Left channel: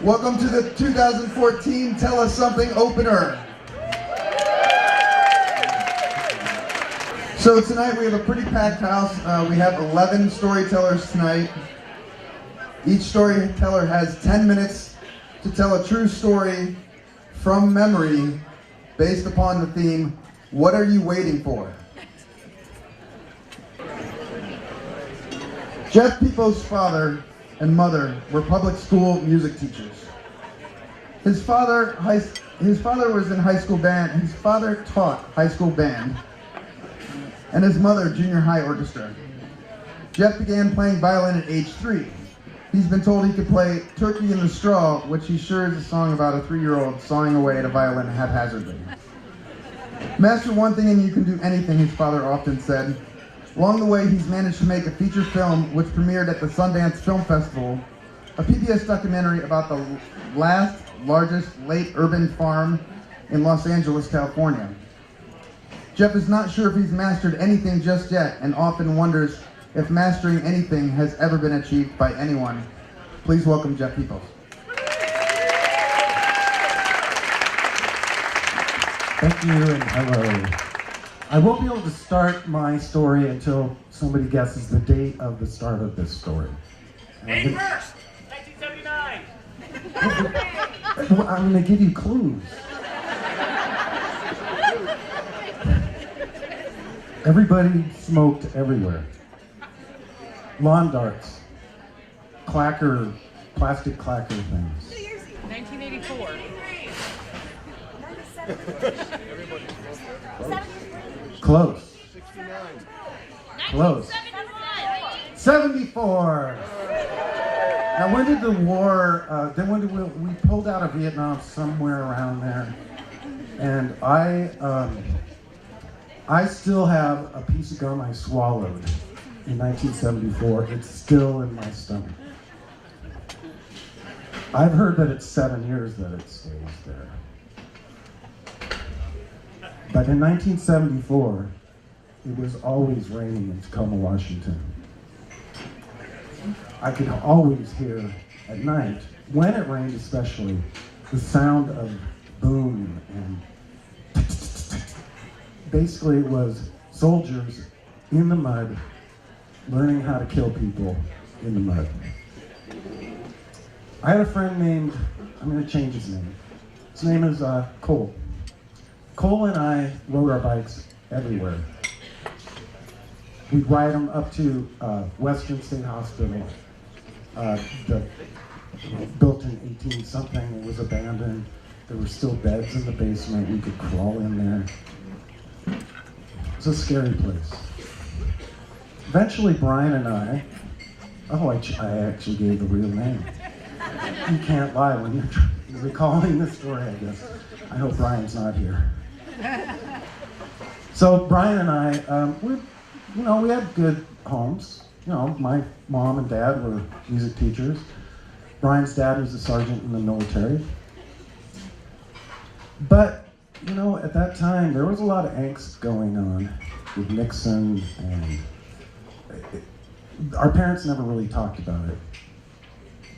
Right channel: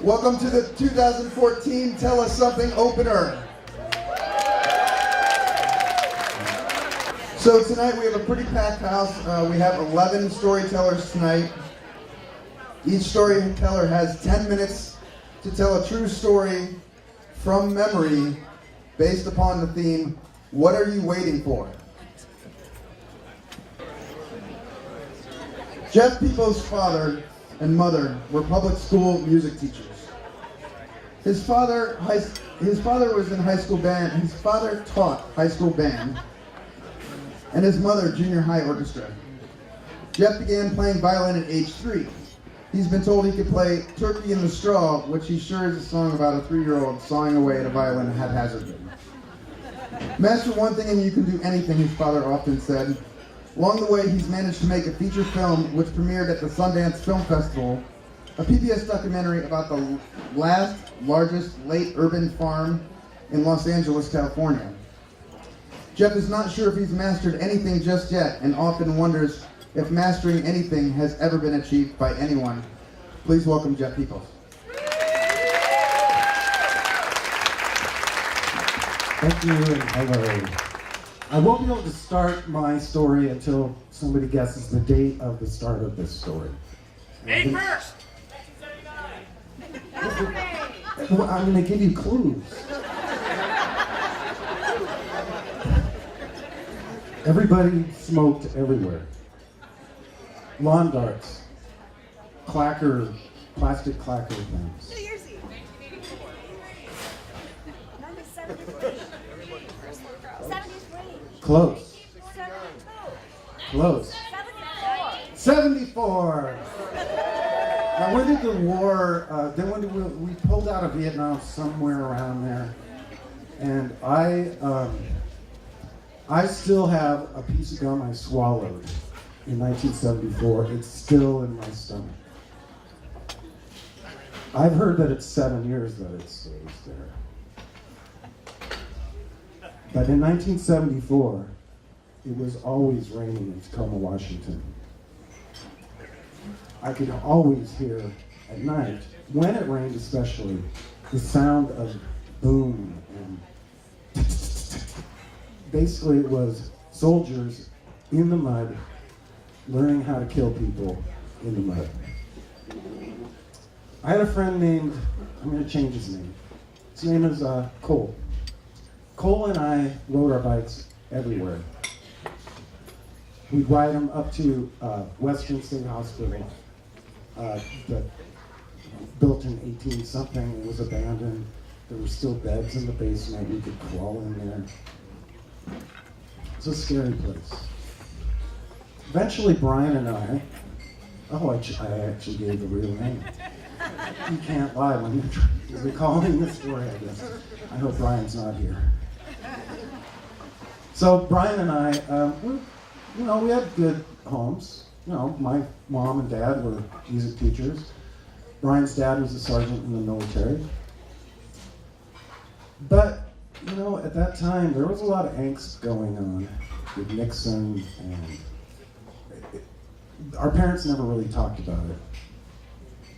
Welcome to the 2014 Tell Us Something opener. So tonight we have a pretty packed house. We have 11 storytellers tonight. Each storyteller has 10 minutes to tell a true story from memory based upon the theme, what are you waiting for? Jeff Peoples' father and mother were public school music teachers. His father was in high school band. His father taught high school band, and his mother junior high orchestra. Jeff began playing violin at age 3. He's been told he could play Turkey in the Straw, which he's sure is a song about a 3-year-old sawing away at a violin haphazardly. Master one thing and you can do anything, his father often said. Along the way, he's managed to make a feature film which premiered at the Sundance Film Festival, a PBS documentary about the largest late urban farm in Los Angeles, California. Jeff is not sure if he's mastered anything just yet and often wonders if mastering anything has ever been achieved by anyone. Please welcome Jeff Peoples. Thank you and hello. I won't be able to start my story until somebody guesses the date of the start of this story. May 1st, 1979. I'm going to give you clues. Everybody smoked everywhere. Lawn darts, plastic clacker things. 1984. Close. Close. 74. Now, when did the war? Then when did we pulled out of Vietnam somewhere around there, and I still have a piece of gum I swallowed in 1974. It's still in my stomach. I've heard that it's 7 years that it stays there. But in 1974, it was always raining in Tacoma, Washington. I could always hear at night, when it rained especially, the sound of boom and basically it was soldiers in the mud learning how to kill people in the mud. I had a friend named, I'm going to change his name. His name is Cole. Cole and I rode our bikes everywhere. We'd ride them up to Western State Hospital, built in 18-something. It was abandoned. There were still beds in the basement. We could crawl in there. It's a scary place. Eventually, Brian and I actually gave the real name. You can't lie when you're recalling this story, I guess. I hope Brian's not here. So Brian and I, we had good homes. My mom and dad were music teachers. Brian's dad was a sergeant in the military. But, at that time, there was a lot of angst going on with Nixon, and our parents never really talked about it.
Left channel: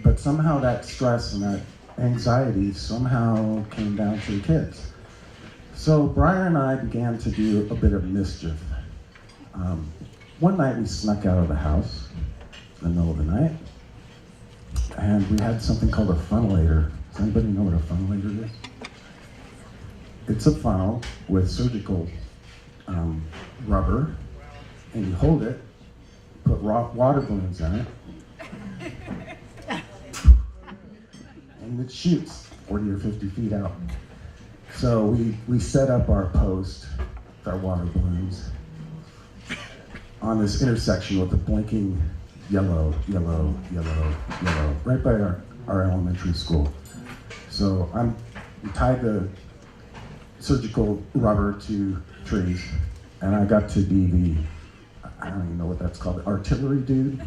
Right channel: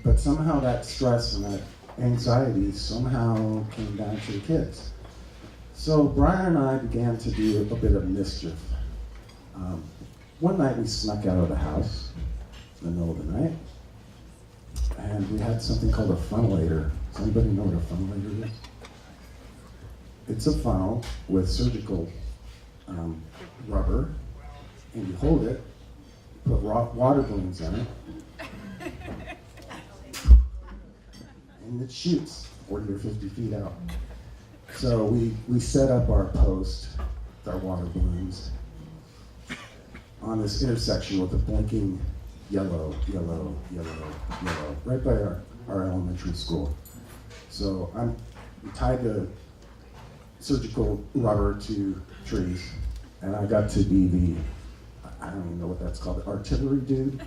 But somehow that stress and that anxiety somehow came down to the kids. So Brian and I began to do a bit of mischief. One night we snuck out of the house in the middle of the night, and we had something called a funnelator. Does anybody know what a funnelator is? It's a funnel with surgical rubber, and you hold it, put water balloons in it, and it shoots 40 or 50 feet out. So we set up our post with our water balloons on this intersection with the blinking yellow, right by our elementary school. So we tied the surgical rubber to trees, and I got to be I don't even know what that's called, the artillery dude.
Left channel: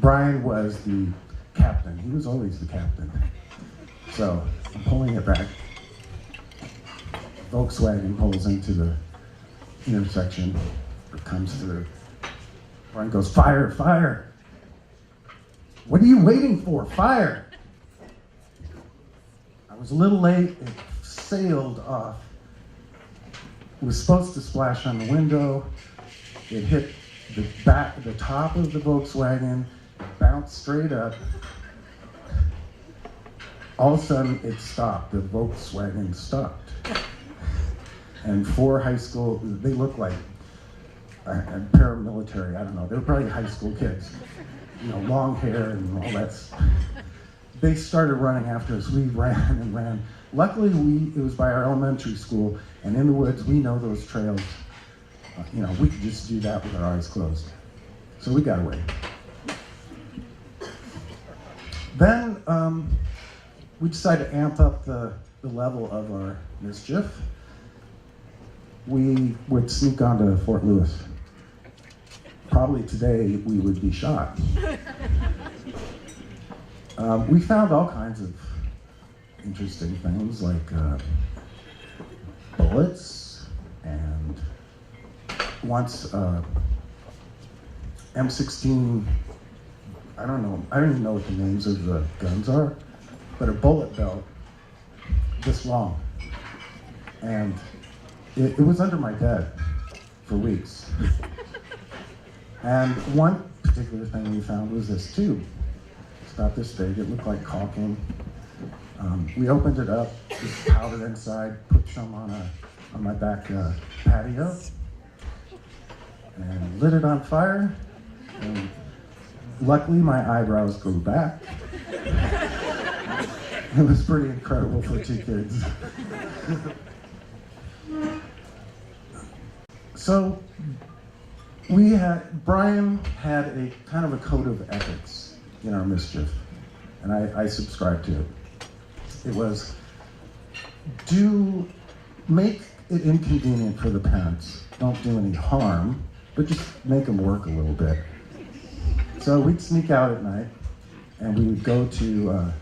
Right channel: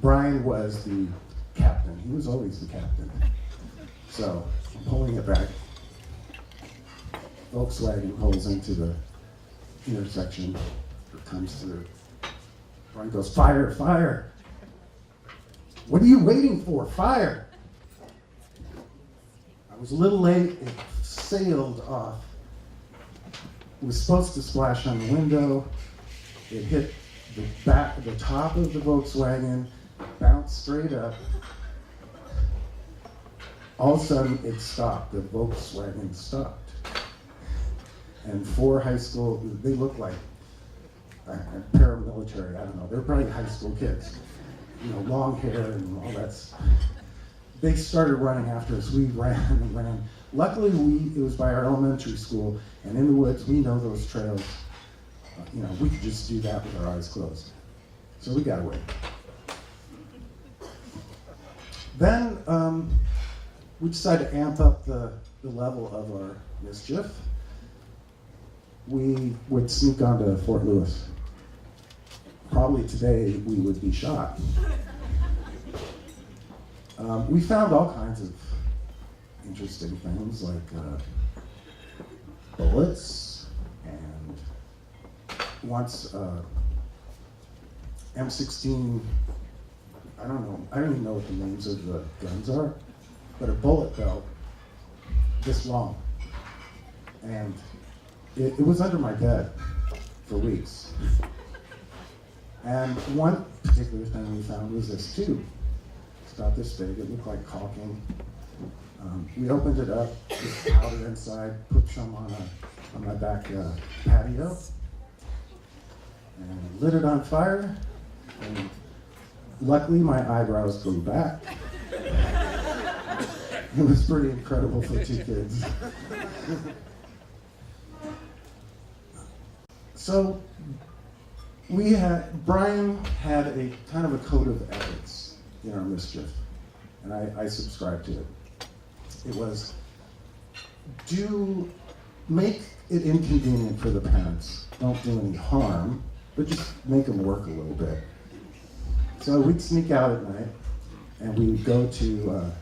Brian was the captain. He was always the captain. So I'm pulling it back. Volkswagen pulls into the intersection. It comes through. Brian goes, fire, fire. "What are you waiting for? Fire!" I was a little late. It sailed off. It was supposed to splash on the window. It hit the top of the Volkswagen, bounced straight up. All of a sudden, it stopped. The Volkswagen stopped. And 4 high school, they look like paramilitary, I don't know. They were probably high school kids. Long hair and all that stuff. They started running after us. We ran and ran. Luckily, it was by our elementary school, and in the woods, we know those trails. We could just do that with our eyes closed. So we got away. Then we decided to amp up the level of our mischief. We would sneak onto Fort Lewis. Probably today we would be shot. We found all kinds of interesting things like bullets and once M16, I don't even know what the names of the guns are, but a bullet belt this long. And it was under my bed for weeks. And one particular thing we found was this tube. It's about this big, it looked like caulking. We opened it up, just powdered inside, put some on my back patio, and lit it on fire. And luckily, my eyebrows grew back. It was pretty incredible for 2 kids. So, Brian had a kind of a code of ethics in our mischief, and I subscribed to it. It was, make it inconvenient for the parents. Don't do any harm, but just make them work a little bit. So we'd sneak out at night, and we would go to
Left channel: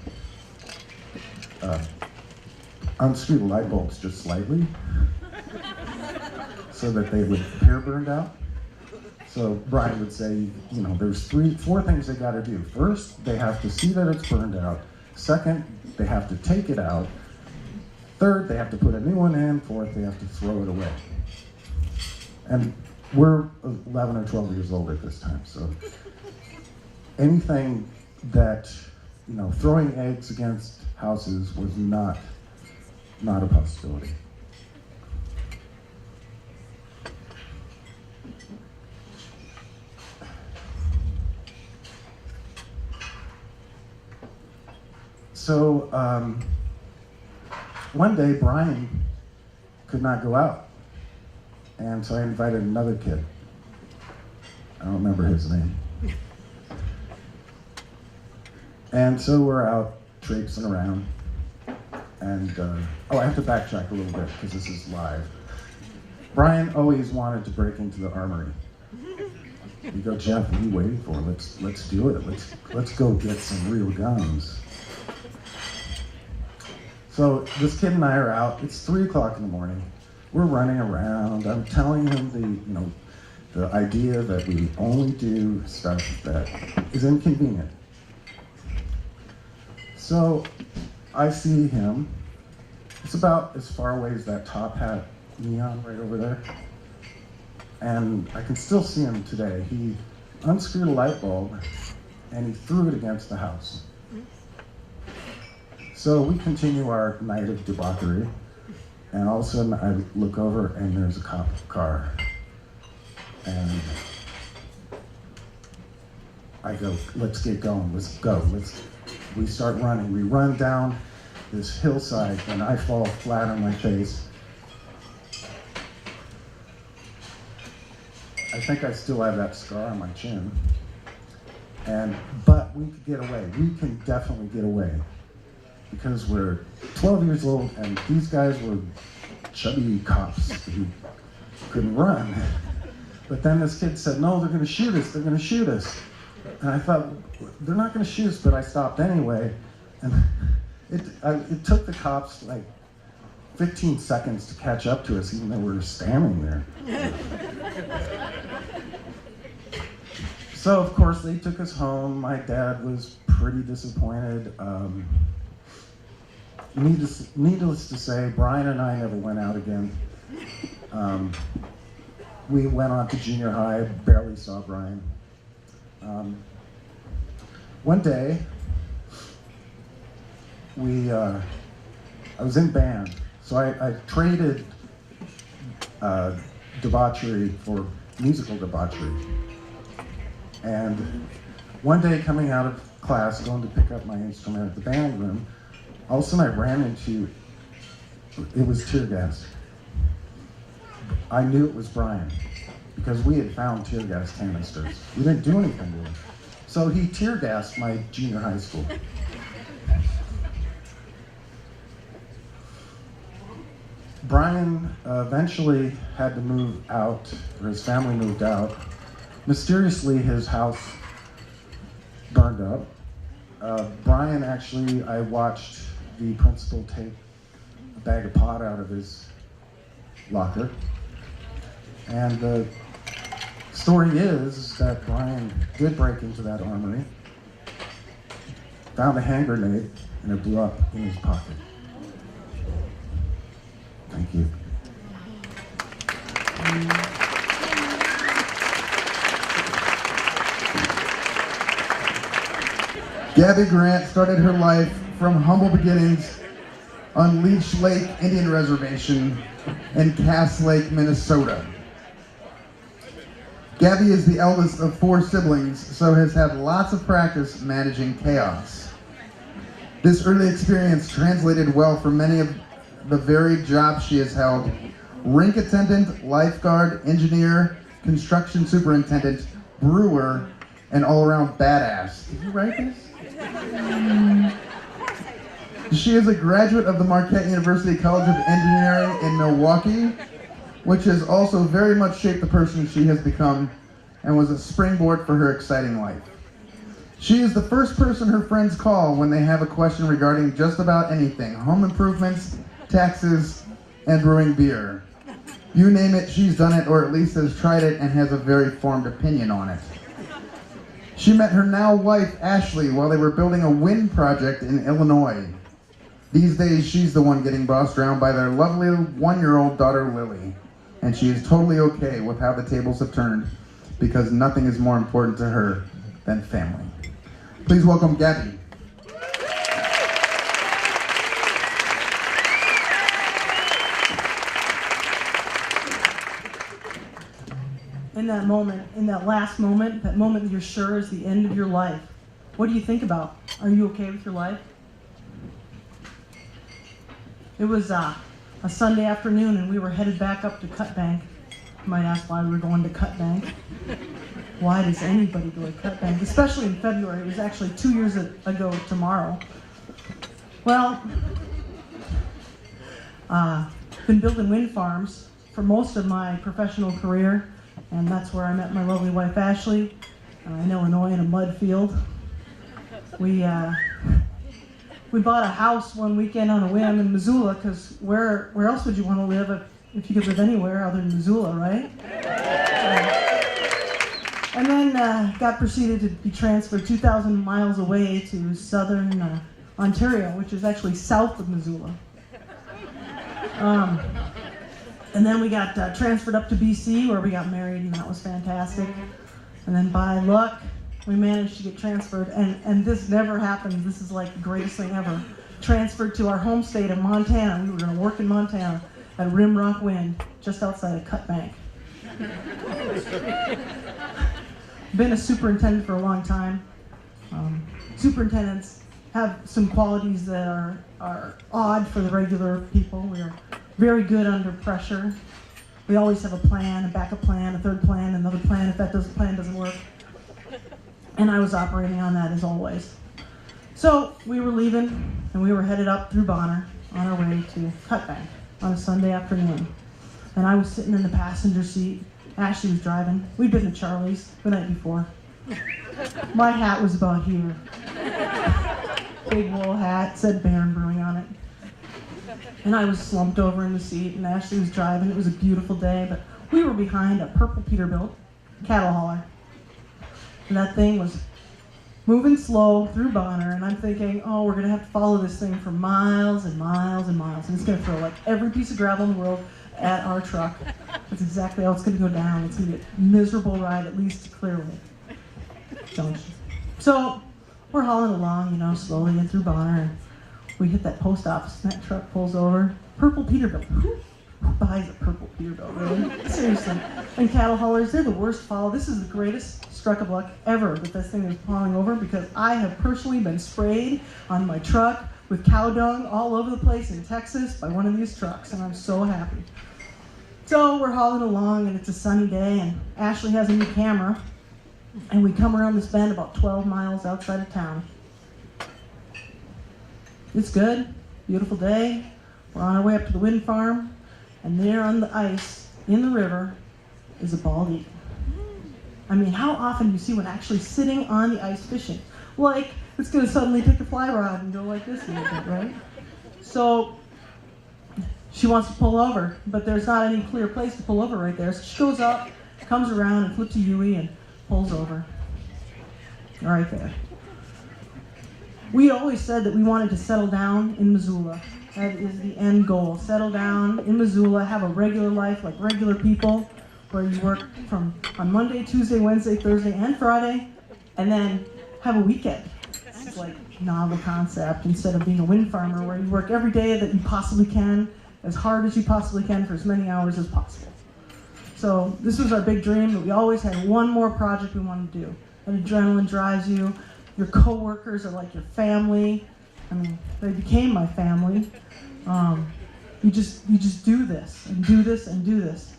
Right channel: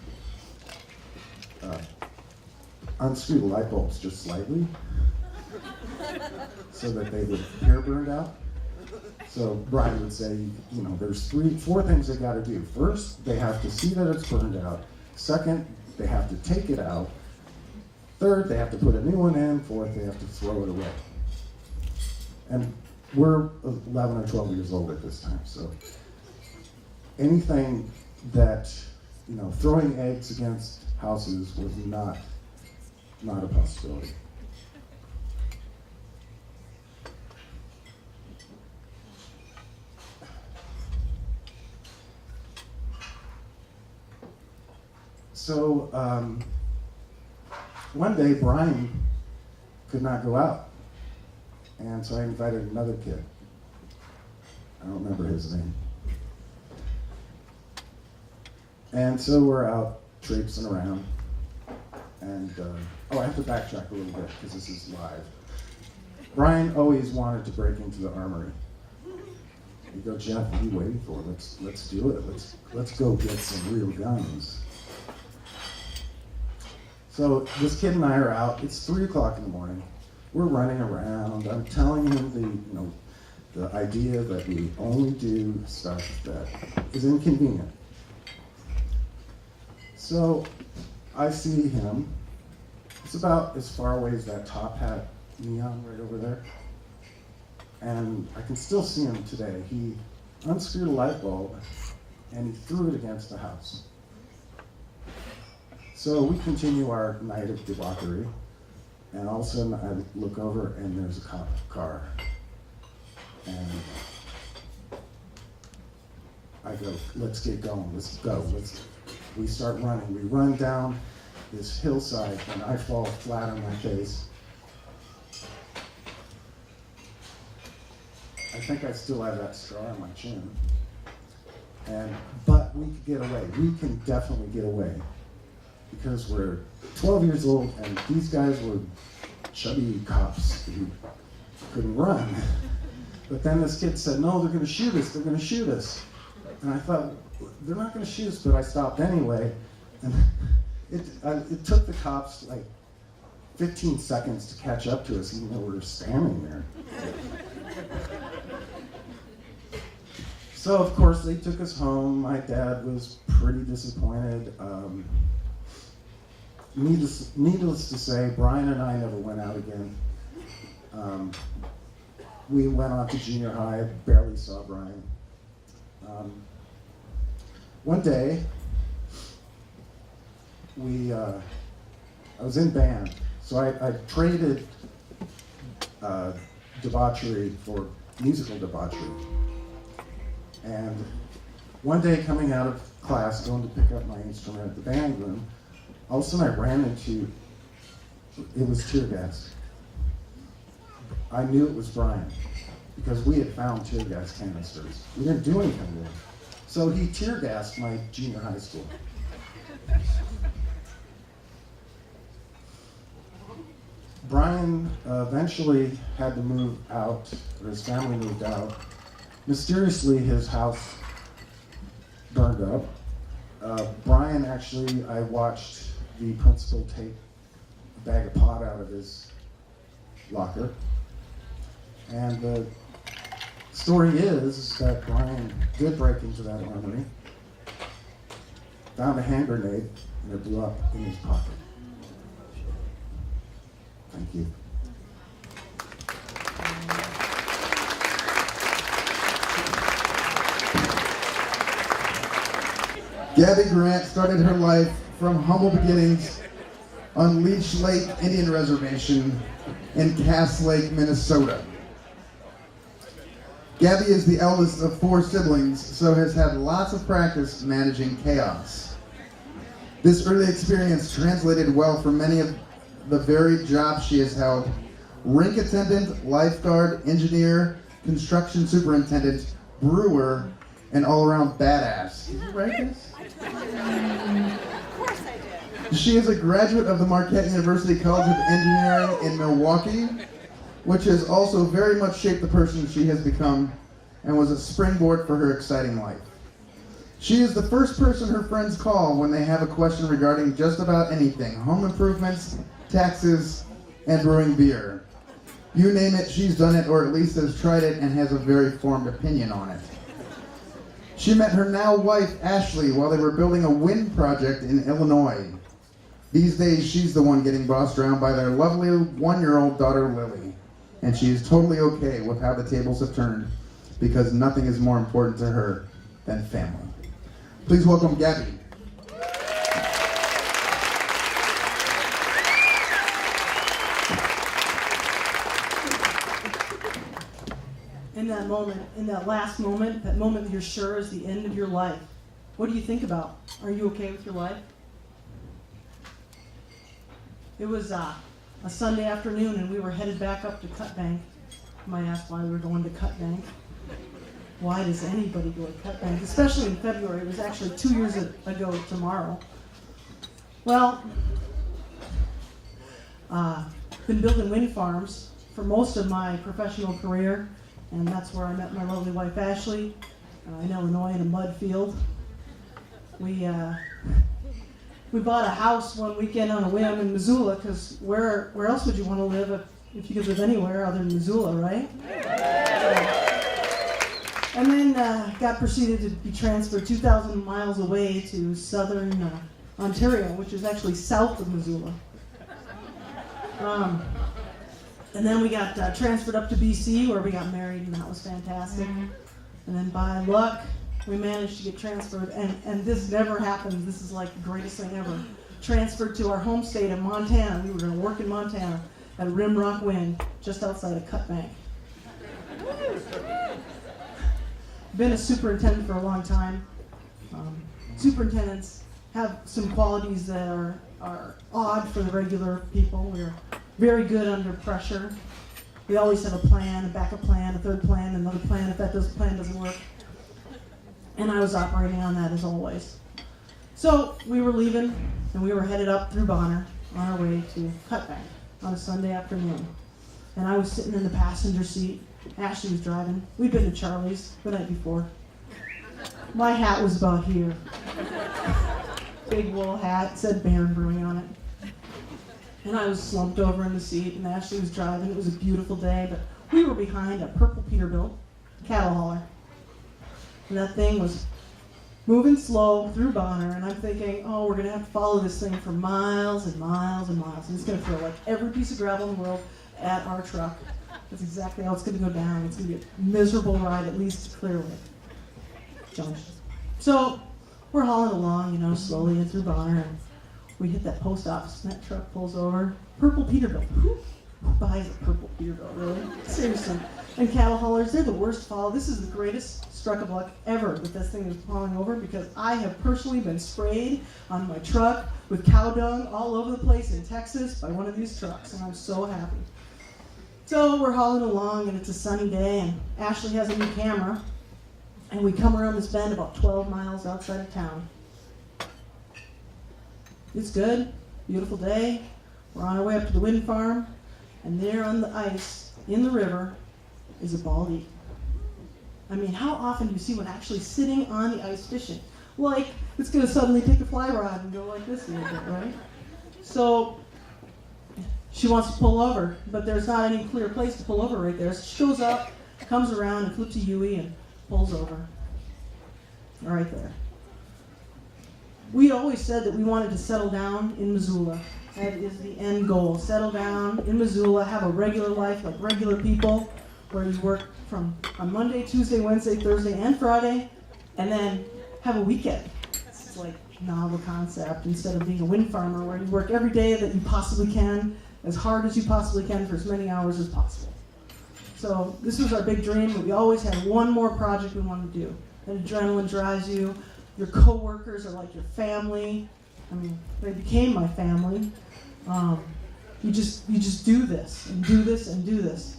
unscrew the light bulbs just slightly, so that they would appear burned out. So Brian would say, there's 4 things they got to do. First, they have to see that it's burned out. Second, they have to take it out. Third, they have to put a new one in. Fourth, they have to throw it away. And we're 11 or 12 years old at this time, so anything that, throwing eggs against houses was not a possibility. So one day Brian could not go out, and so I invited another kid. I don't remember his name. And so we're out traipsing around, and I have to backtrack a little bit because this is live. Brian always wanted to break into the armory. You go, "Jeff, what are you waiting for? Let's do it. Let's go get some real guns." So this kid and I are out. It's 3 o'clock in the morning. We're running around. I'm telling him the idea that we only do stuff that is inconvenient. So I see him. It's about as far away as that Top Hat neon right over there. And I can still see him today. He unscrewed a light bulb and he threw it against the house. So we continue our night of debauchery, and all of a sudden I look over and there's a cop car. And I go, "Let's get going, let's go." We start running. We run down this hillside and I fall flat on my face. I think I still have that scar on my chin. But we could get away. We can definitely get away. Because we're 12 years old and these guys were chubby cops who couldn't run. But then this kid said, "No, they're gonna shoot us, they're gonna shoot us." And I thought, they're not gonna shoot us, but I stopped anyway. And it took the cops like 15 seconds to catch up to us, even though we were standing there. So, of course, they took us home. My dad was pretty disappointed. Needless to say, Brian and I never went out again. We went on to junior high, barely saw Brian. One day, I was in band, so I traded debauchery for musical debauchery. And one day, coming out of class, going to pick up my instrument at the band room, all of a sudden I ran into, it was tear gas. I knew it was Brian, because we had found tear gas canisters. We didn't do anything with it. So he tear gassed my junior high school. Brian eventually had to move out, or his family moved out. Mysteriously, his house burned up. Brian actually, I watched the principal take a bag of pot out of his locker. And the story is that Brian did break into that armory, found a hand grenade, and it blew up in his pocket. Thank you. Gabby Grant started her life from humble beginnings on Leech Lake Indian Reservation in Cass Lake, Minnesota. Gabby is the eldest of 4 siblings, so has had lots of practice managing chaos. This early experience translated well for many of the varied jobs she has held: rink attendant, lifeguard, engineer, construction superintendent, brewer, and all-around badass. Did you write this? Of course I did. She is a graduate of the Marquette University College of Engineering in Milwaukee, which has also very much shaped the person she has become and was a springboard for her exciting life. She is the first person her friends call when they have a question regarding just about anything: home improvements, taxes, and brewing beer. You name it, she's done it, or at least has tried it and has a very formed opinion on it. She met her now wife, Ashley, while they were building a wind project in Illinois. These days, she's the one getting bossed around by their lovely 1-year-old daughter, Lily. And she is totally okay with how the tables have turned, because nothing is more important to her than family. Please welcome Gabby. In that moment, in that last moment, that moment that you're sure is the end of your life, what do you think about? Are you okay with your life? It was a Sunday afternoon, and we were headed back up to Cut Bank. You might ask why we were going to Cut Bank. Why does anybody go to Cut Bank? Especially in February. It was actually 2 years ago tomorrow. Well, been building wind farms for most of my professional career, and that's where I met my lovely wife, Ashley, in Illinois in a mud field. We bought a house one weekend on a whim in Missoula, because where else would you want to live if you could live anywhere other than Missoula, right? And then got proceeded to be transferred 2,000 miles away to southern Ontario, which is actually south of Missoula. And then we got transferred up to BC, where we got married, and that was fantastic. And then by luck, we managed to get transferred, and this never happens. This is like the greatest thing ever. Transferred to our home state of Montana. We were going to work in Montana at Rimrock Wind, just outside of Cut Bank. Been a superintendent for a long time. Superintendents have some qualities that are odd for the regular people. We are very good under pressure. We always have a plan, a backup plan, a third plan, another plan if that plan doesn't work. And I was operating on that as always. So we were leaving, and we were headed up through Bonner on our way to Cut Bank on a Sunday afternoon. And I was sitting in the passenger seat. Ashley was driving. We'd been to Charlie's the night before. My hat was about here. Big wool hat, said Baron Brewing on it. And I was slumped over in the seat, and Ashley was driving. It was a beautiful day, but we were behind a purple Peterbilt cattle hauler. And that thing was moving slow through Bonner, and I'm thinking, oh, we're going to have to follow this thing for miles and miles and miles, and it's going to throw like every piece of gravel in the world at our truck. That's exactly how it's going to go down. It's going to be a miserable ride, at least clearly. So we're hauling along, slowly in through Bonner, and we hit that post office, and that truck pulls over. Purple Peterbilt. Who buys a purple Peterbilt, really? Seriously. And cattle haulers, they're the worst to follow. This is the greatest stroke of luck ever that this thing is hauling over, because I have personally been sprayed on my truck with cow dung all over the place in Texas by one of these trucks, and I'm so happy. So we're hauling along, and it's a sunny day, and Ashley has a new camera, and we come around this bend about 12 miles outside of town. It's good, beautiful day. We're on our way up to the wind farm, and there on the ice in the river is a bald eagle. I mean, how often do you see one actually sitting on the ice fishing? Like, it's going to suddenly take a fly rod and go like this a little bit, right? So she wants to pull over, but there's not any clear place to pull over right there. So she goes up, comes around, and flips a U-ey and pulls over. Right there. We always said that we wanted to settle down in Missoula. That is the end goal. Settle down in Missoula, have a regular life like regular people, where you work on Monday, Tuesday, Wednesday, Thursday, and Friday, and then have a weekend. It's like a novel concept, instead of being a wind farmer where you work every day that you possibly can, as hard as you possibly can for as many hours as possible. So this was our big dream, but we always had one more project we wanted to do. And adrenaline drives you. Your coworkers are like your family. I mean, they became my family. You just do this and do this and do this.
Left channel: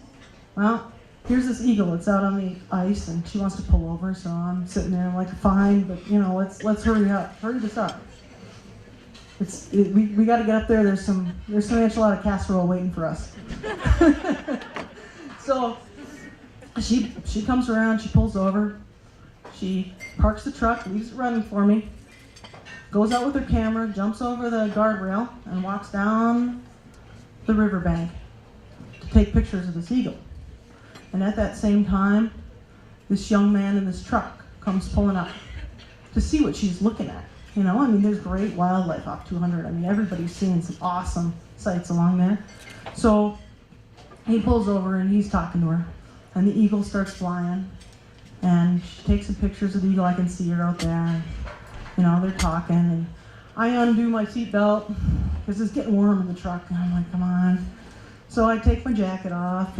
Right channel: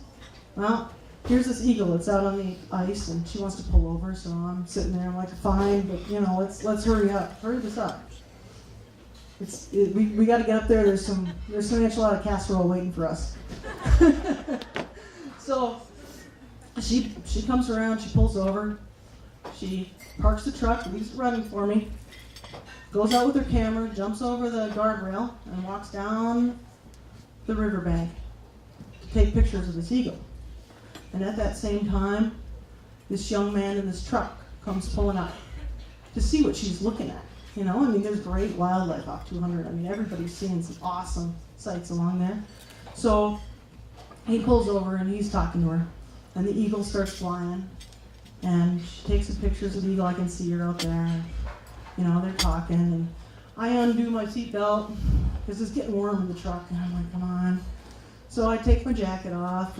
Well, here's this eagle that's out on the ice, and she wants to pull over, so I'm sitting there, I'm like, fine, but let's hurry up, hurry this up. We got to get up there. There's some enchilada casserole waiting for us. So she comes around, she pulls over, she parks the truck, leaves it running for me, goes out with her camera, jumps over the guardrail, and walks down the riverbank to take pictures of this eagle. And at that same time, this young man in this truck comes pulling up to see what she's looking at. There's great wildlife off 200. Everybody's seeing some awesome sights along there. So he pulls over and he's talking to her, and the eagle starts flying, and she takes some pictures of the eagle. I can see her out there. They're talking, and I undo my seatbelt because it's getting warm in the truck, and I'm like, come on. So I take my jacket off,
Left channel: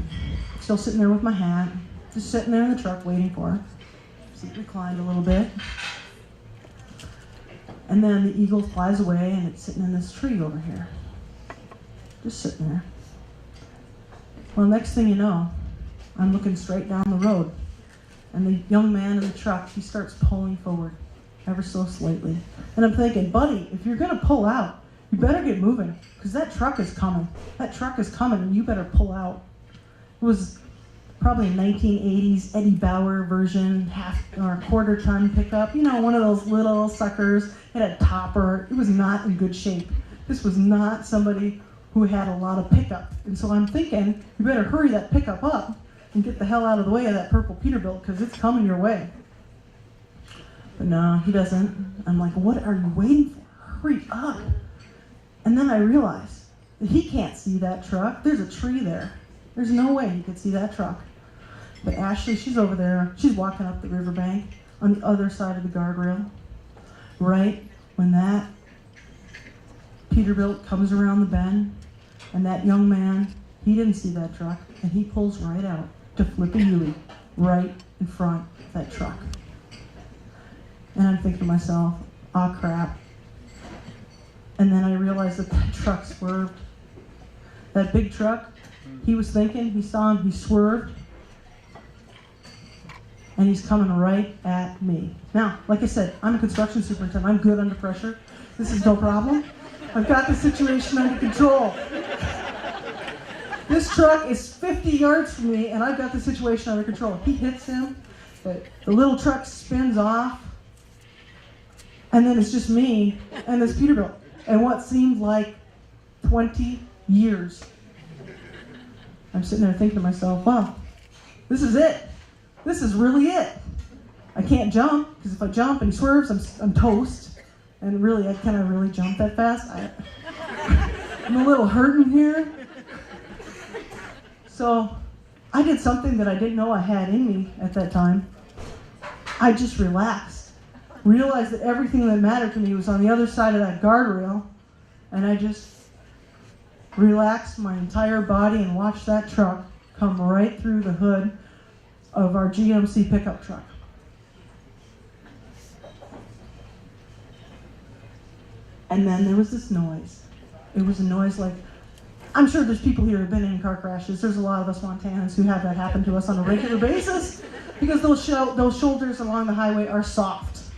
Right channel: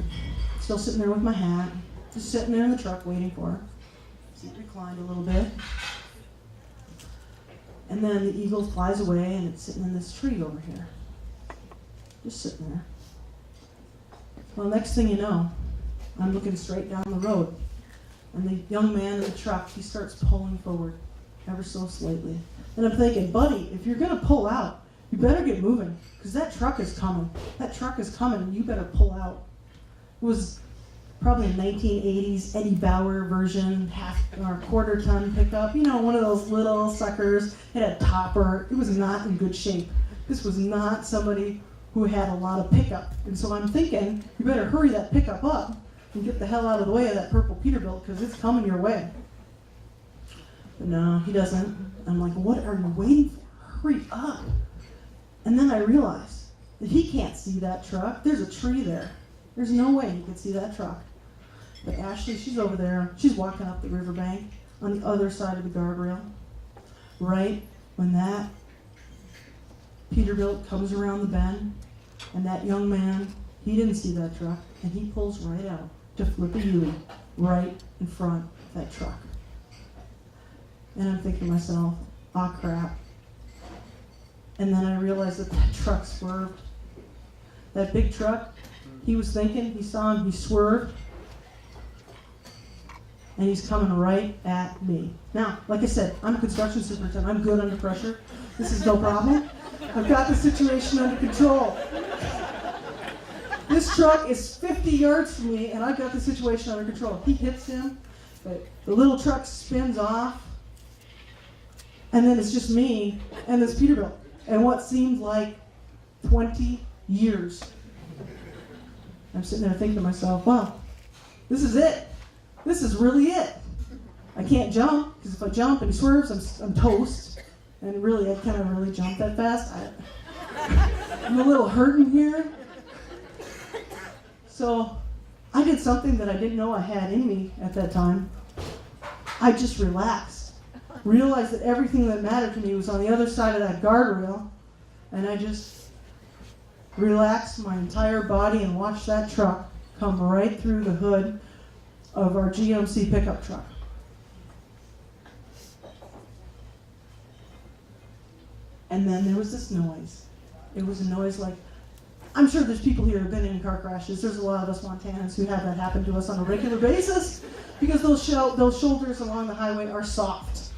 still sitting there with my hat, just sitting there in the truck waiting for her. Seat reclined a little bit. And then the eagle flies away, and it's sitting in this tree over here. Just sitting there. Well, next thing you know, I'm looking straight down the road, and the young man in the truck, he starts pulling forward ever so slightly. And I'm thinking, buddy, if you're going to pull out, you better get moving, because that truck is coming. That truck is coming, and you better pull out. It was probably a 1980s Eddie Bauer version, half or quarter ton pickup. One of those little suckers. It had a topper. It was not in good shape. This was not somebody who had a lot of pickup. And so I'm thinking, you better hurry that pickup up and get the hell out of the way of that purple Peterbilt, because it's coming your way. But no, he doesn't. I'm like, what are you waiting for? Hurry up. And then I realize that he can't see that truck. There's a tree there. There's no way he could see that truck. But Ashley, she's over there. She's walking up the riverbank on the other side of the guardrail. Right when that Peterbilt comes around the bend, and that young man, he didn't see that truck, and he pulls right out to flip a U-ey right in front of that truck. And I'm thinking to myself, oh crap. And then I realized that truck swerved. That big truck, he was thinking, he saw him, he swerved, and he's coming right at me. Now, like I said, I'm a construction superintendent. I'm good under pressure. This is no problem. I've got the situation under control. This truck is 50 yards from me, and I've got the situation under control. He hits him, but the little truck spins off, and then it's just me and this Peterbilt, and what seemed like 20 years. I'm sitting there thinking to myself, wow, this is it. This is really it. I can't jump, because if I jump and he swerves, I'm toast. And really, I can't really jump that fast. I'm a little hurting here. So I did something that I didn't know I had in me at that time. I just relaxed. Realized that everything that mattered to me was on the other side of that guardrail. And I just relaxed my entire body and watched that truck come right through the hood of our GMC pickup truck. And then there was this noise. It was a noise like, I'm sure there's people here who have been in car crashes. There's a lot of us Montanans who have that happen to us on a regular basis because those shoulders along the highway are soft,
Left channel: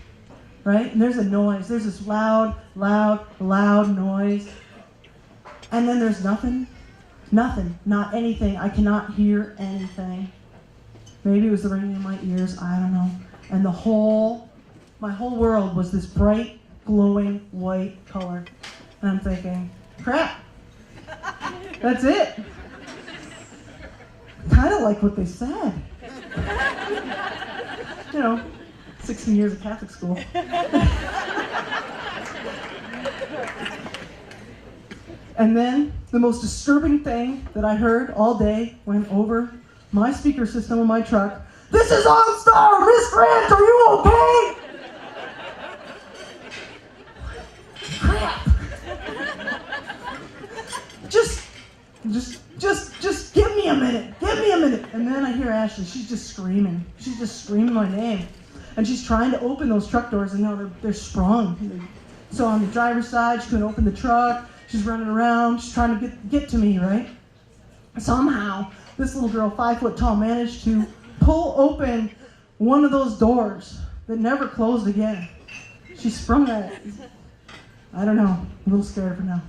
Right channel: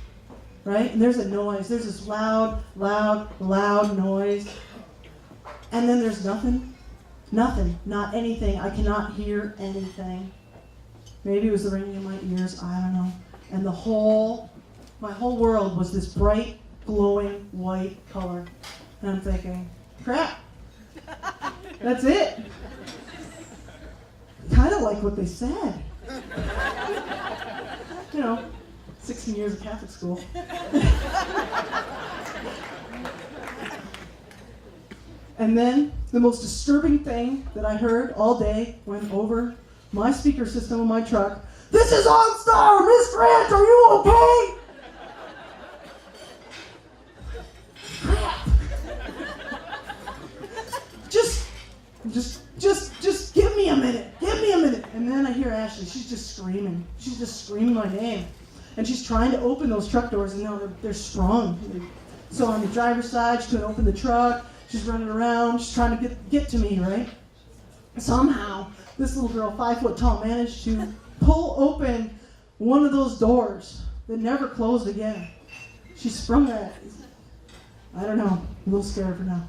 right? And there's a noise. There's this loud, loud, loud noise. And then there's nothing. Nothing. Not anything. I cannot hear anything. Maybe it was the ringing in my ears. I don't know. And my whole world was this bright, glowing white color. And I'm thinking, crap. That's it. Kind of like what they said. 16 years of Catholic school. And then the most disturbing thing that I heard all day went over my speaker system in my truck. This is OnStar! Miss Grant, are you okay? Crap. Just give me a minute. Give me a minute. And then I hear Ashley. She's just screaming. She's just screaming my name. And she's trying to open those truck doors, and they're sprung. So on the driver's side, she couldn't open the truck. She's running around. She's trying to get to me, right? Somehow, this little girl, 5 foot tall, managed to pull open one of those doors that never closed again. She sprung that. I don't know. I'm a little scared for now.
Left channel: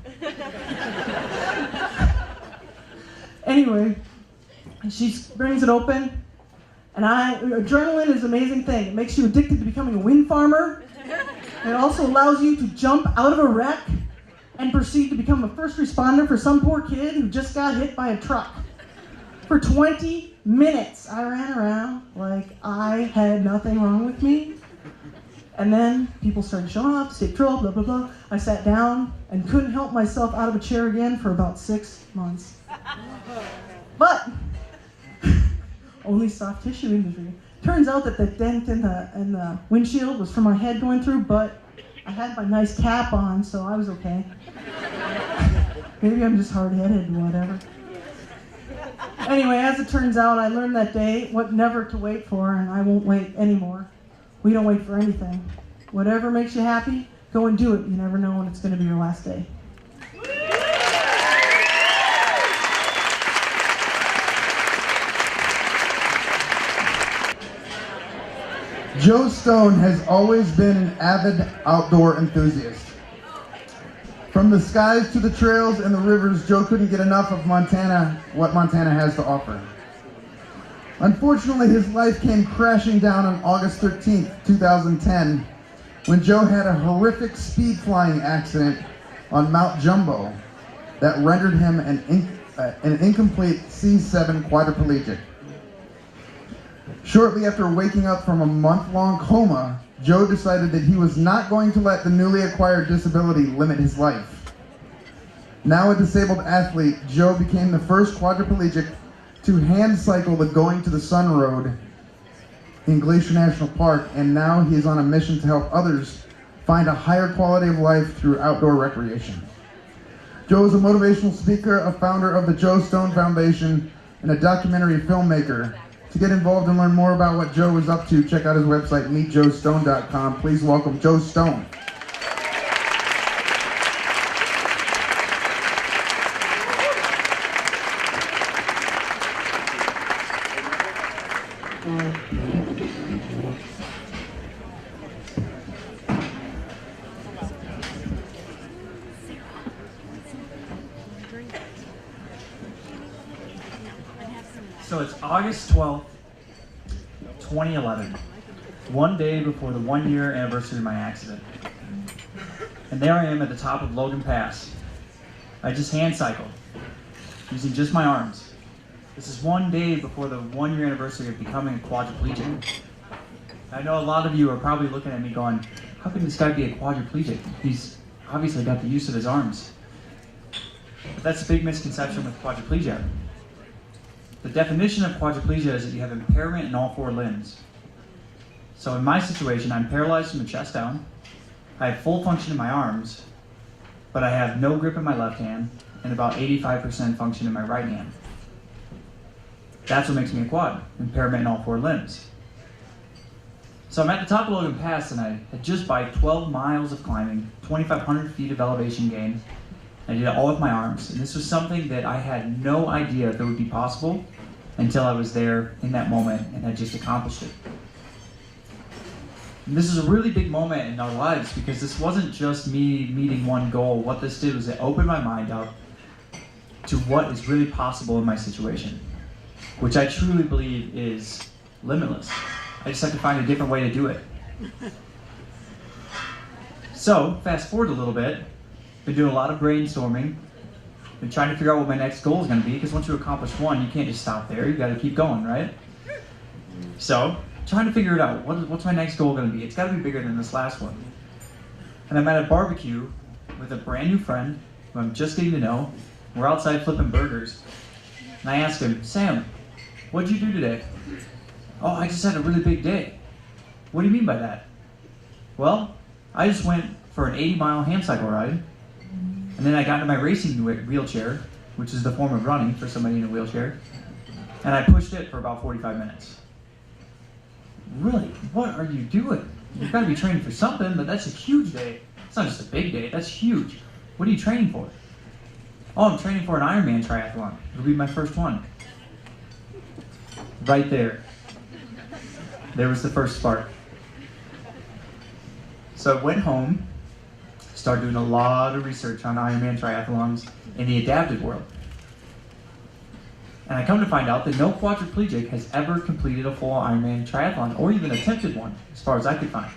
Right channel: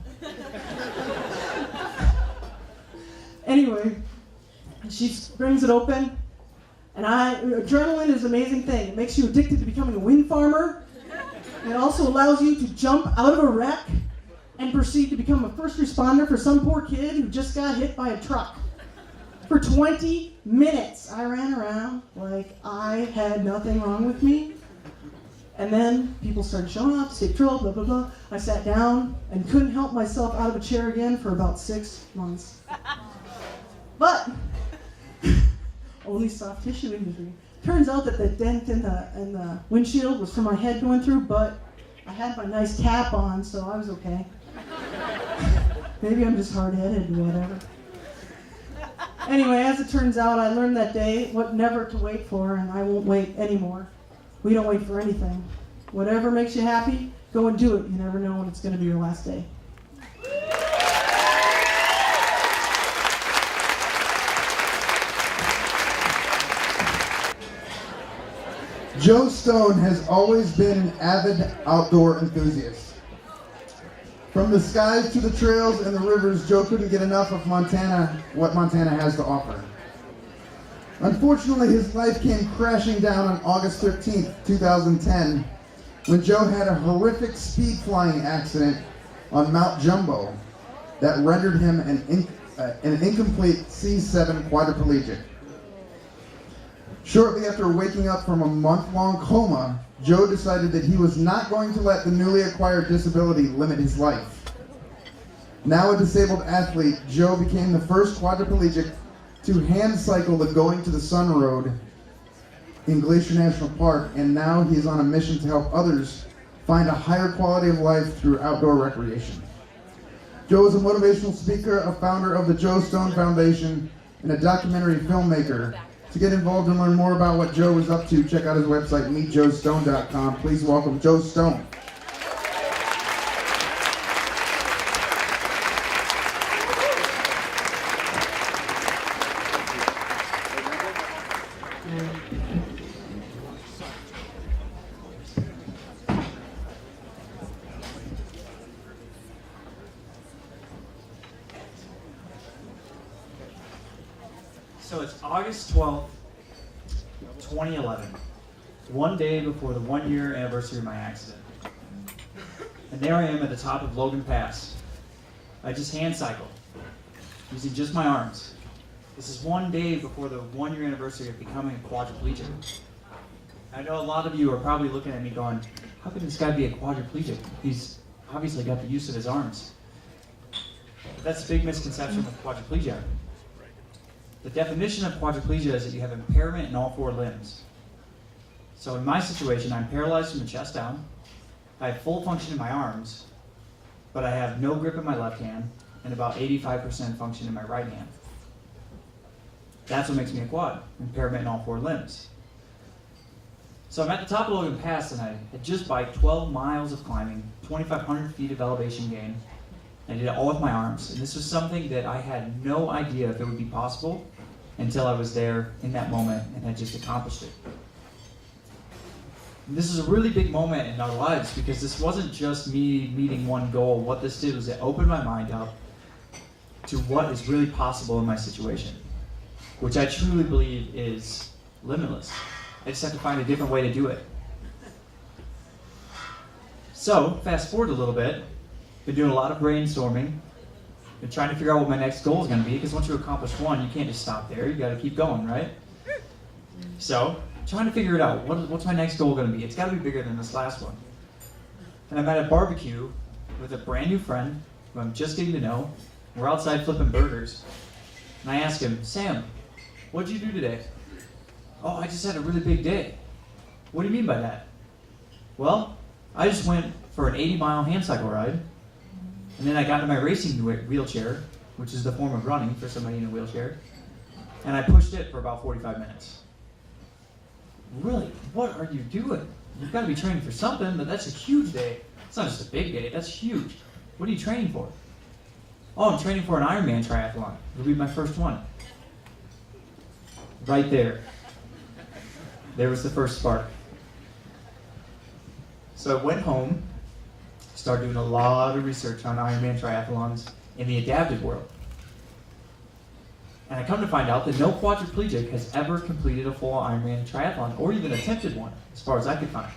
Anyway, she brings it open, and adrenaline is an amazing thing. It makes you addicted to becoming a wind farmer. And it also allows you to jump out of a wreck and proceed to become a first responder for some poor kid who just got hit by a truck. For 20 minutes, I ran around like I had nothing wrong with me. And then people started showing up, state patrol, blah, blah, blah. I sat down and couldn't help myself out of a chair again for about 6 months. But only soft tissue injury. Turns out that the dent in the windshield was from my head going through, but I had my nice cap on, so I was okay. Maybe I'm just hard-headed or whatever. Anyway, as it turns out, I learned that day what never to wait for, and I won't wait anymore. We don't wait for anything. Whatever makes you happy, go and do it. You never know when it's going to be your last day. Joe Stone has always been an avid outdoor enthusiast. From the skies to the trails and the rivers, Joe couldn't get enough of what Montana has to offer. Unfortunately, his life came crashing down on August 13th, 2010, when Joe had a horrific speed flying accident on Mount Jumbo that rendered him an incomplete C7 quadriplegic. Shortly after waking up from a month-long coma, Joe decided that he was not going to let the newly acquired disability limit his life. Now a disabled athlete, Joe became the first quadriplegic to hand cycle the Going to the Sun Road in Glacier National Park, and now he is on a mission to help others find a higher quality of life through outdoor recreation. Joe is a motivational speaker, a founder of the Joe Stone Foundation, and a documentary filmmaker. To get involved and learn more about what Joe is up to, check out his website, meetjoestone.com. Please welcome Joe Stone. So it's August 12th, 2011, one day before the 1-year anniversary of my accident. And there I am at the top of Logan Pass. I just hand cycled, using just my arms. This is one day before the 1-year anniversary of becoming a quadriplegic. I know a lot of you are probably looking at me going, how can this guy be a quadriplegic? He's obviously got the use of his arms. But that's a big misconception with quadriplegia. The definition of quadriplegia is that you have impairment in all 4 limbs. So in my situation, I'm paralyzed from the chest down. I have full function in my arms, but I have no grip in my left hand and about 85% function in my right hand. That's what makes me a quad, impairment in all 4 limbs. So I'm at the top of Logan Pass, and I had just by 12 miles of climbing, 2,500 feet of elevation gain. I did it all with my arms, and this was something that I had no idea that would be possible until I was there in that moment and had just accomplished it. And this is a really big moment in our lives because this wasn't just me meeting one goal. What this did was it opened my mind up to what is really possible in my situation, which I truly believe is limitless. I just have to find a different way to do it. So, fast forward a little bit, been doing a lot of brainstorming, been trying to figure out what my next goal is going to be, because once you accomplish one, you can't just stop there, you got to keep going, right? So, trying to figure it out, what's my next goal going to be? It's got to be bigger than this last one. And I'm at a barbecue with a brand new friend, who I'm just getting to know. We're outside flipping burgers, and I ask him, Sam, what'd you do today? Oh, I just had a really big day. What do you mean by that? Well, I just went for an 80-mile hand cycle ride, and then I got into my racing wheelchair, which is the form of running for somebody in a wheelchair, and I pushed it for about 45 minutes. Really? What are you doing? You've got to be training for something, but that's a huge day. It's not just a big day, that's huge. What are you training for? Oh, I'm training for an Ironman triathlon. It'll be my first one. Right there. There was the first spark. So I went home, started doing a lot of research on Ironman triathlons in the adaptive world. And I come to find out that no quadriplegic has ever completed a full Ironman triathlon, or even attempted one, as far as I could find.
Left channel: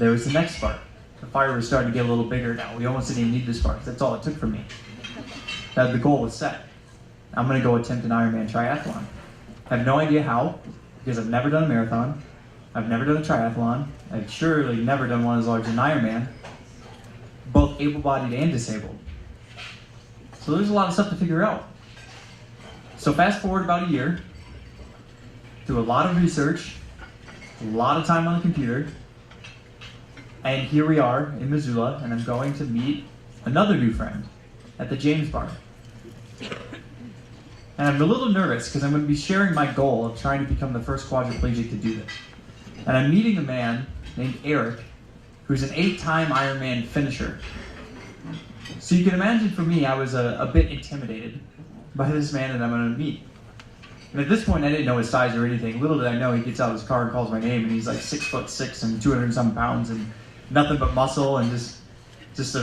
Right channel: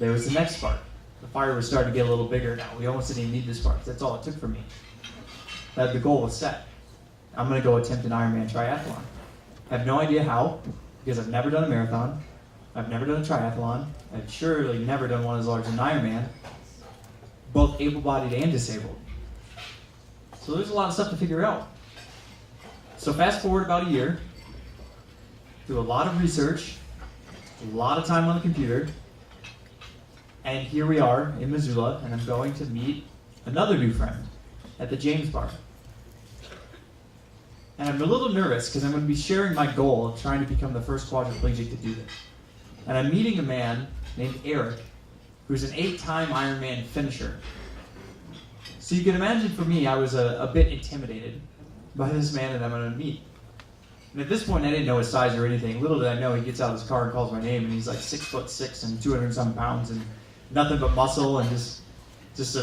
There was the next spark. The fire was starting to get a little bigger now. We almost didn't even need the sparks. That's all it took from me. That the goal was set. I'm going to go attempt an Ironman triathlon. I have no idea how, because I've never done a marathon. I've never done a triathlon. I've surely never done one as large as an Ironman, both able-bodied and disabled. So there's a lot of stuff to figure out. So fast forward about a year, do a lot of research, a lot of time on the computer, and here we are in Missoula, and I'm going to meet another new friend at the James Bar. And I'm a little nervous because I'm going to be sharing my goal of trying to become the first quadriplegic to do this. And I'm meeting a man named Eric, who's an 8-time Ironman finisher. So you can imagine for me, I was a bit intimidated by this man that I'm going to meet. And at this point, I didn't know his size or anything. Little did I know, he gets out of his car and calls my name, and he's like 6'6" and 200-some pounds, and nothing but muscle, and just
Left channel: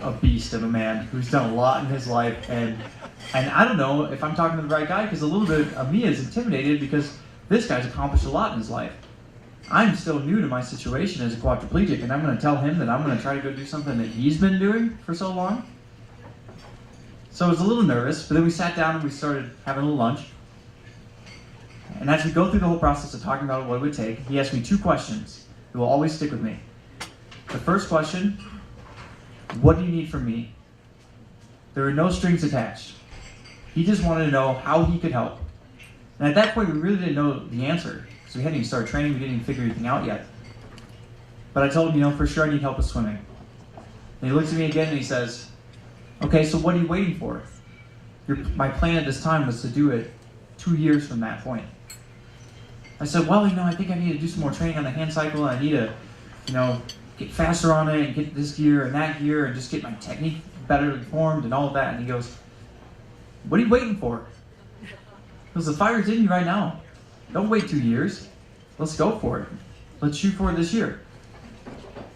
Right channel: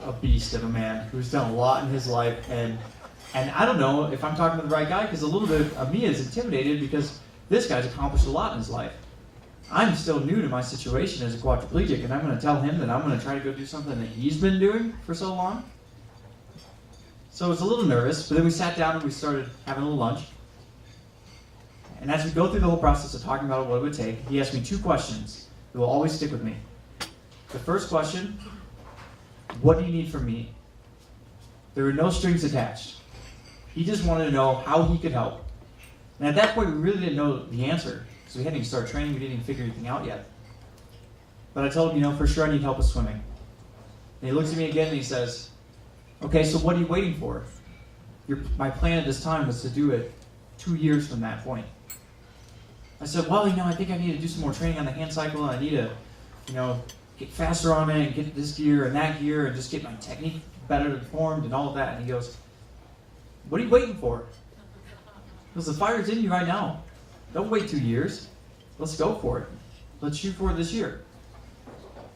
a beast of a man who's done a lot in his life. And I don't know if I'm talking to the right guy, because a little bit of me is intimidated because this guy's accomplished a lot in his life. I'm still new to my situation as a quadriplegic, and I'm going to tell him that I'm going to try to go do something that he's been doing for so long. So I was a little nervous, but then we sat down and we started having a little lunch. And as we go through the whole process of talking about what it would take, he asked me 2 questions that will always stick with me. The first question, what do you need from me? There were no strings attached. He just wanted to know how he could help. And at that point, we really didn't know the answer. So we hadn't even started training, we didn't even figure anything out yet. But I told him, for sure I need help with swimming. And he looks at me again and he says, okay, so what are you waiting for? My plan at this time was to do it 2 years from that point. I said, well, I think I need to do some more training on the hand cycle, and I need to, get faster on it and get this gear and that gear and just get my technique better informed and all of that. And he goes, what are you waiting for? Because the fire's in you right now. Don't wait 2 years. Let's go for it. Let's shoot for it this year.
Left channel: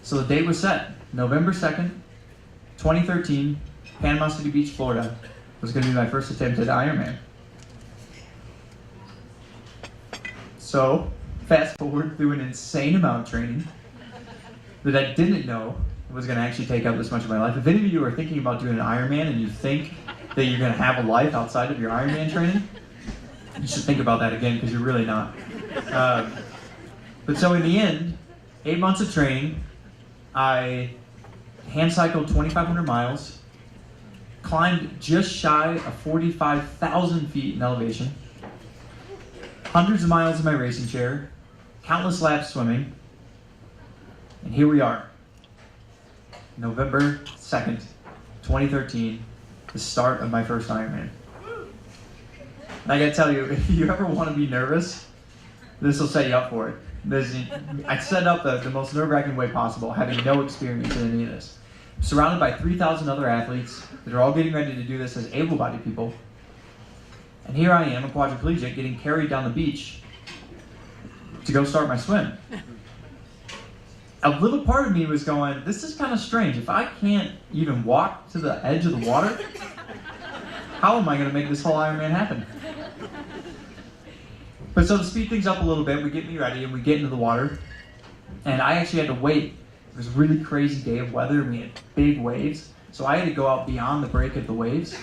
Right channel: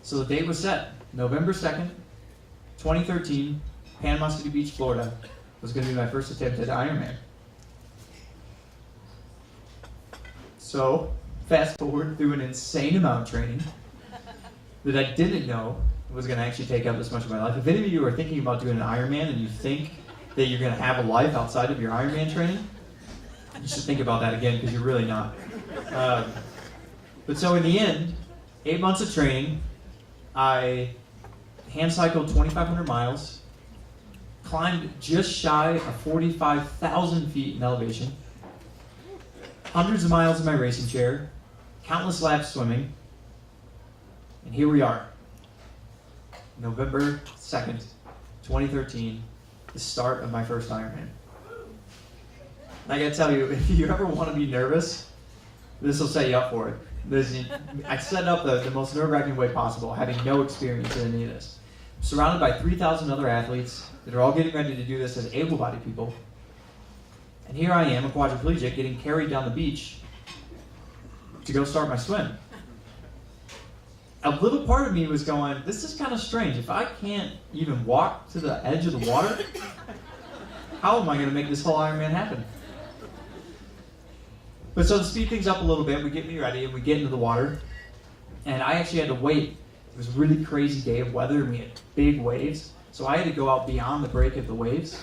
So the date was set. November 2nd, 2013, Panama City Beach, Florida, was going to be my first attempt at Ironman. So, fast forward through an insane amount of training that I didn't know was going to actually take up this much of my life. If any of you are thinking about doing an Ironman and you think that you're going to have a life outside of your Ironman training, You should think about that again because you're really not. But so in the end, 8 months of training, I hand cycled 2,500 miles, climbed just shy of 45,000 feet in elevation, hundreds of miles in my racing chair, countless laps swimming, and here we are. November 2nd, 2013, the start of my first Ironman. And I gotta tell you, if you ever want to be nervous, this will set you up for it. I set up the most nerve-wracking way possible, having no experience in any of this. I'm surrounded by 3,000 other athletes that are all getting ready to do this as able-bodied people. And here I am, a quadriplegic, getting carried down the beach to go start my swim. A little part of me was going, this is kind of strange. If I can't even walk to the edge of the water, how am I going to make this whole Ironman happen? But so to speed things up a little bit, we get me ready and we get into the water. And I actually had to wait. It was a really crazy day of weather and we had big waves. So I had to go out beyond the break of the waves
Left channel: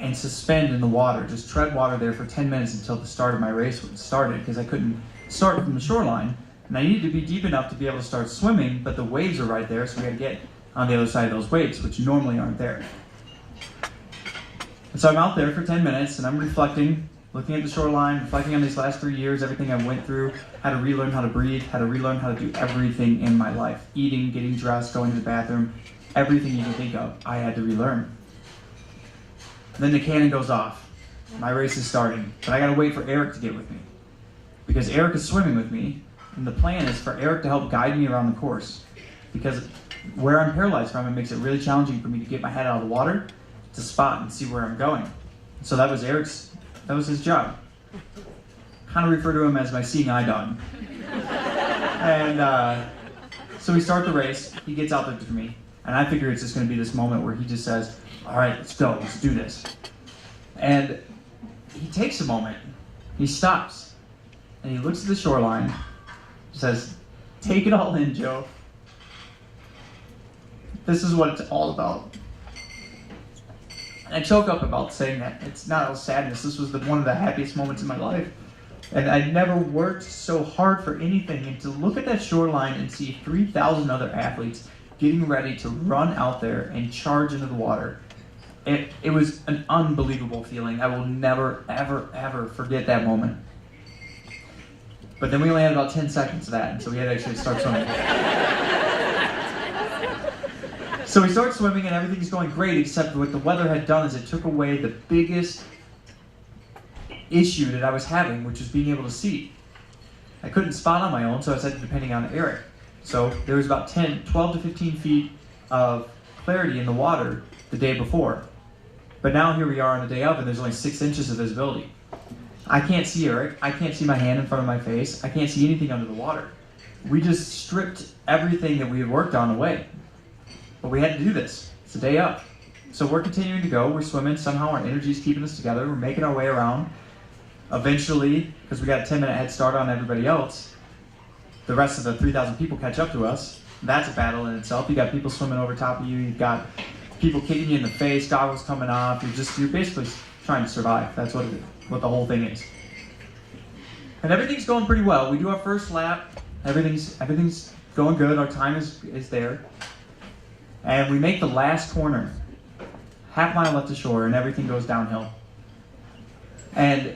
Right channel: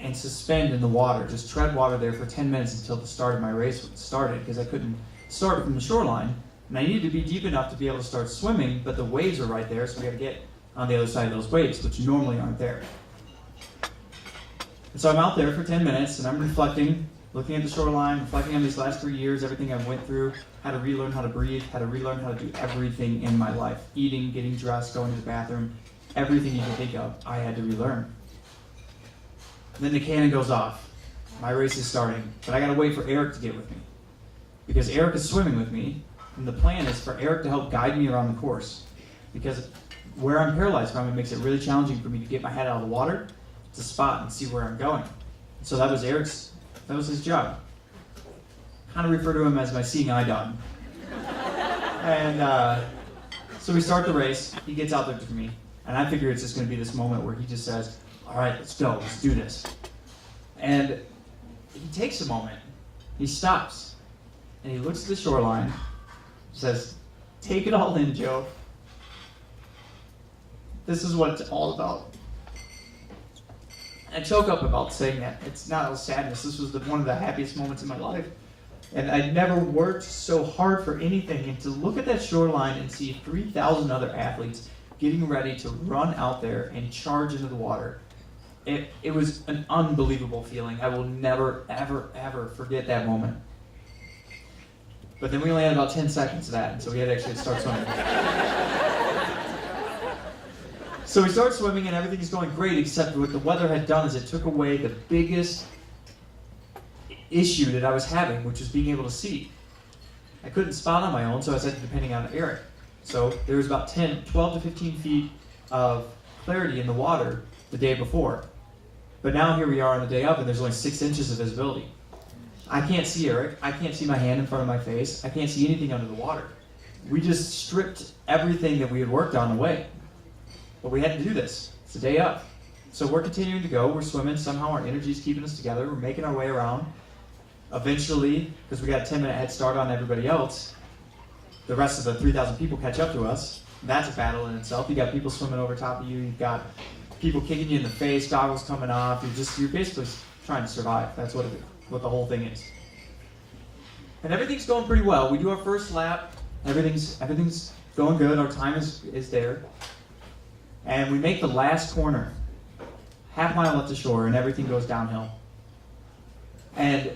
and suspend in the water, just tread water there for 10 minutes until the start of my race started because I couldn't start from the shoreline. And I needed to be deep enough to be able to start swimming, but the waves are right there, so we had to get on the other side of those waves, which normally aren't there. And so I'm out there for 10 minutes and I'm reflecting, looking at the shoreline, reflecting on these last 3 years, everything I went through, how to relearn how to breathe, how to relearn how to do everything in my life. Eating, getting dressed, going to the bathroom, everything you can think of, I had to relearn. Then the cannon goes off. My race is starting, but I gotta wait for Eric to get with me. Because Eric is swimming with me, and the plan is for Eric to help guide me around the course. Because where I'm paralyzed from, it makes it really challenging for me to get my head out of the water, to spot and see where I'm going. So that was his job. Kind of refer to him as my seeing eye dog. And so we start the race, he gets out there with me, and I figure it's just gonna be this moment where he just says, all right, let's go, let's do this. And he takes a moment, he stops, and he looks at the shoreline, says, take it all in, Joe. This is what it's all about. And I choke up about saying that. It's not all sadness. This was one of the happiest moments in my life. And I never worked so hard for anything. And to look at that shoreline and see 3,000 other athletes getting ready to run out there and charge into the water, it was an unbelievable feeling. I will never, ever, ever forget that moment. But then we only had about 10 seconds of that, and so we had to actually start swimming. So we start swimming, and everything is going great, except what the weather had done is it took away the biggest issue that I was having, which was being able to see. I couldn't spot on my own, so I started depending on Eric. So there was about 12 to 15 feet of clarity in the water the day before. But now here we are on the day of, and there's only 6 inches of visibility. I can't see Eric. I can't see my hand in front of my face. I can't see anything under the water. We just stripped everything that we had worked on away. But we had to do this. It's a day up. So we're continuing to go. We're swimming. Somehow our energy is keeping us together. We're making our way around. Eventually, because we got a 10-minute head start on everybody else, the rest of the 3,000 people catch up to us. That's a battle in itself. You got people swimming over top of you. You've got people kicking you in the face, goggles coming off. You're basically trying to survive. That's what the whole thing is. And everything's going pretty well. We do our first lap. Everything's going good. Our time is there. And we make the last corner. Half mile left to shore, and everything goes downhill. And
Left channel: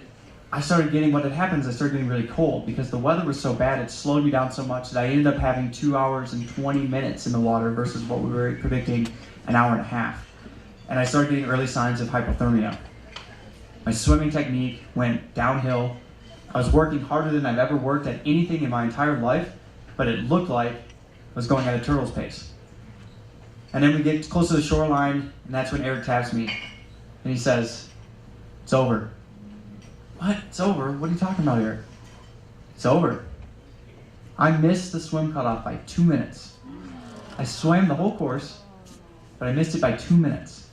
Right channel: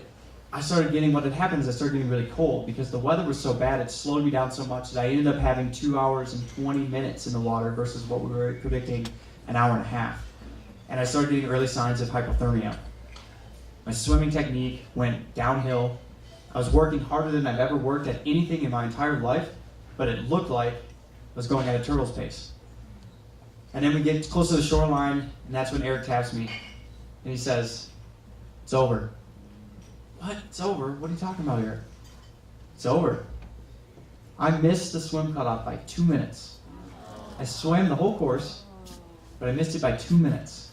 I started getting really cold because the weather was so bad, it slowed me down so much that I ended up having 2 hours and 20 minutes in the water versus what we were predicting, an hour and a half. And I started getting early signs of hypothermia. My swimming technique went downhill. I was working harder than I've ever worked at anything in my entire life, but it looked like I was going at a turtle's pace. And then we get close to the shoreline, and that's when Eric taps me, and he says, "It's over." What? It's over? What are you talking about, Eric? It's over. I missed the swim cutoff by 2 minutes. I swam the whole course, but I missed it by 2 minutes.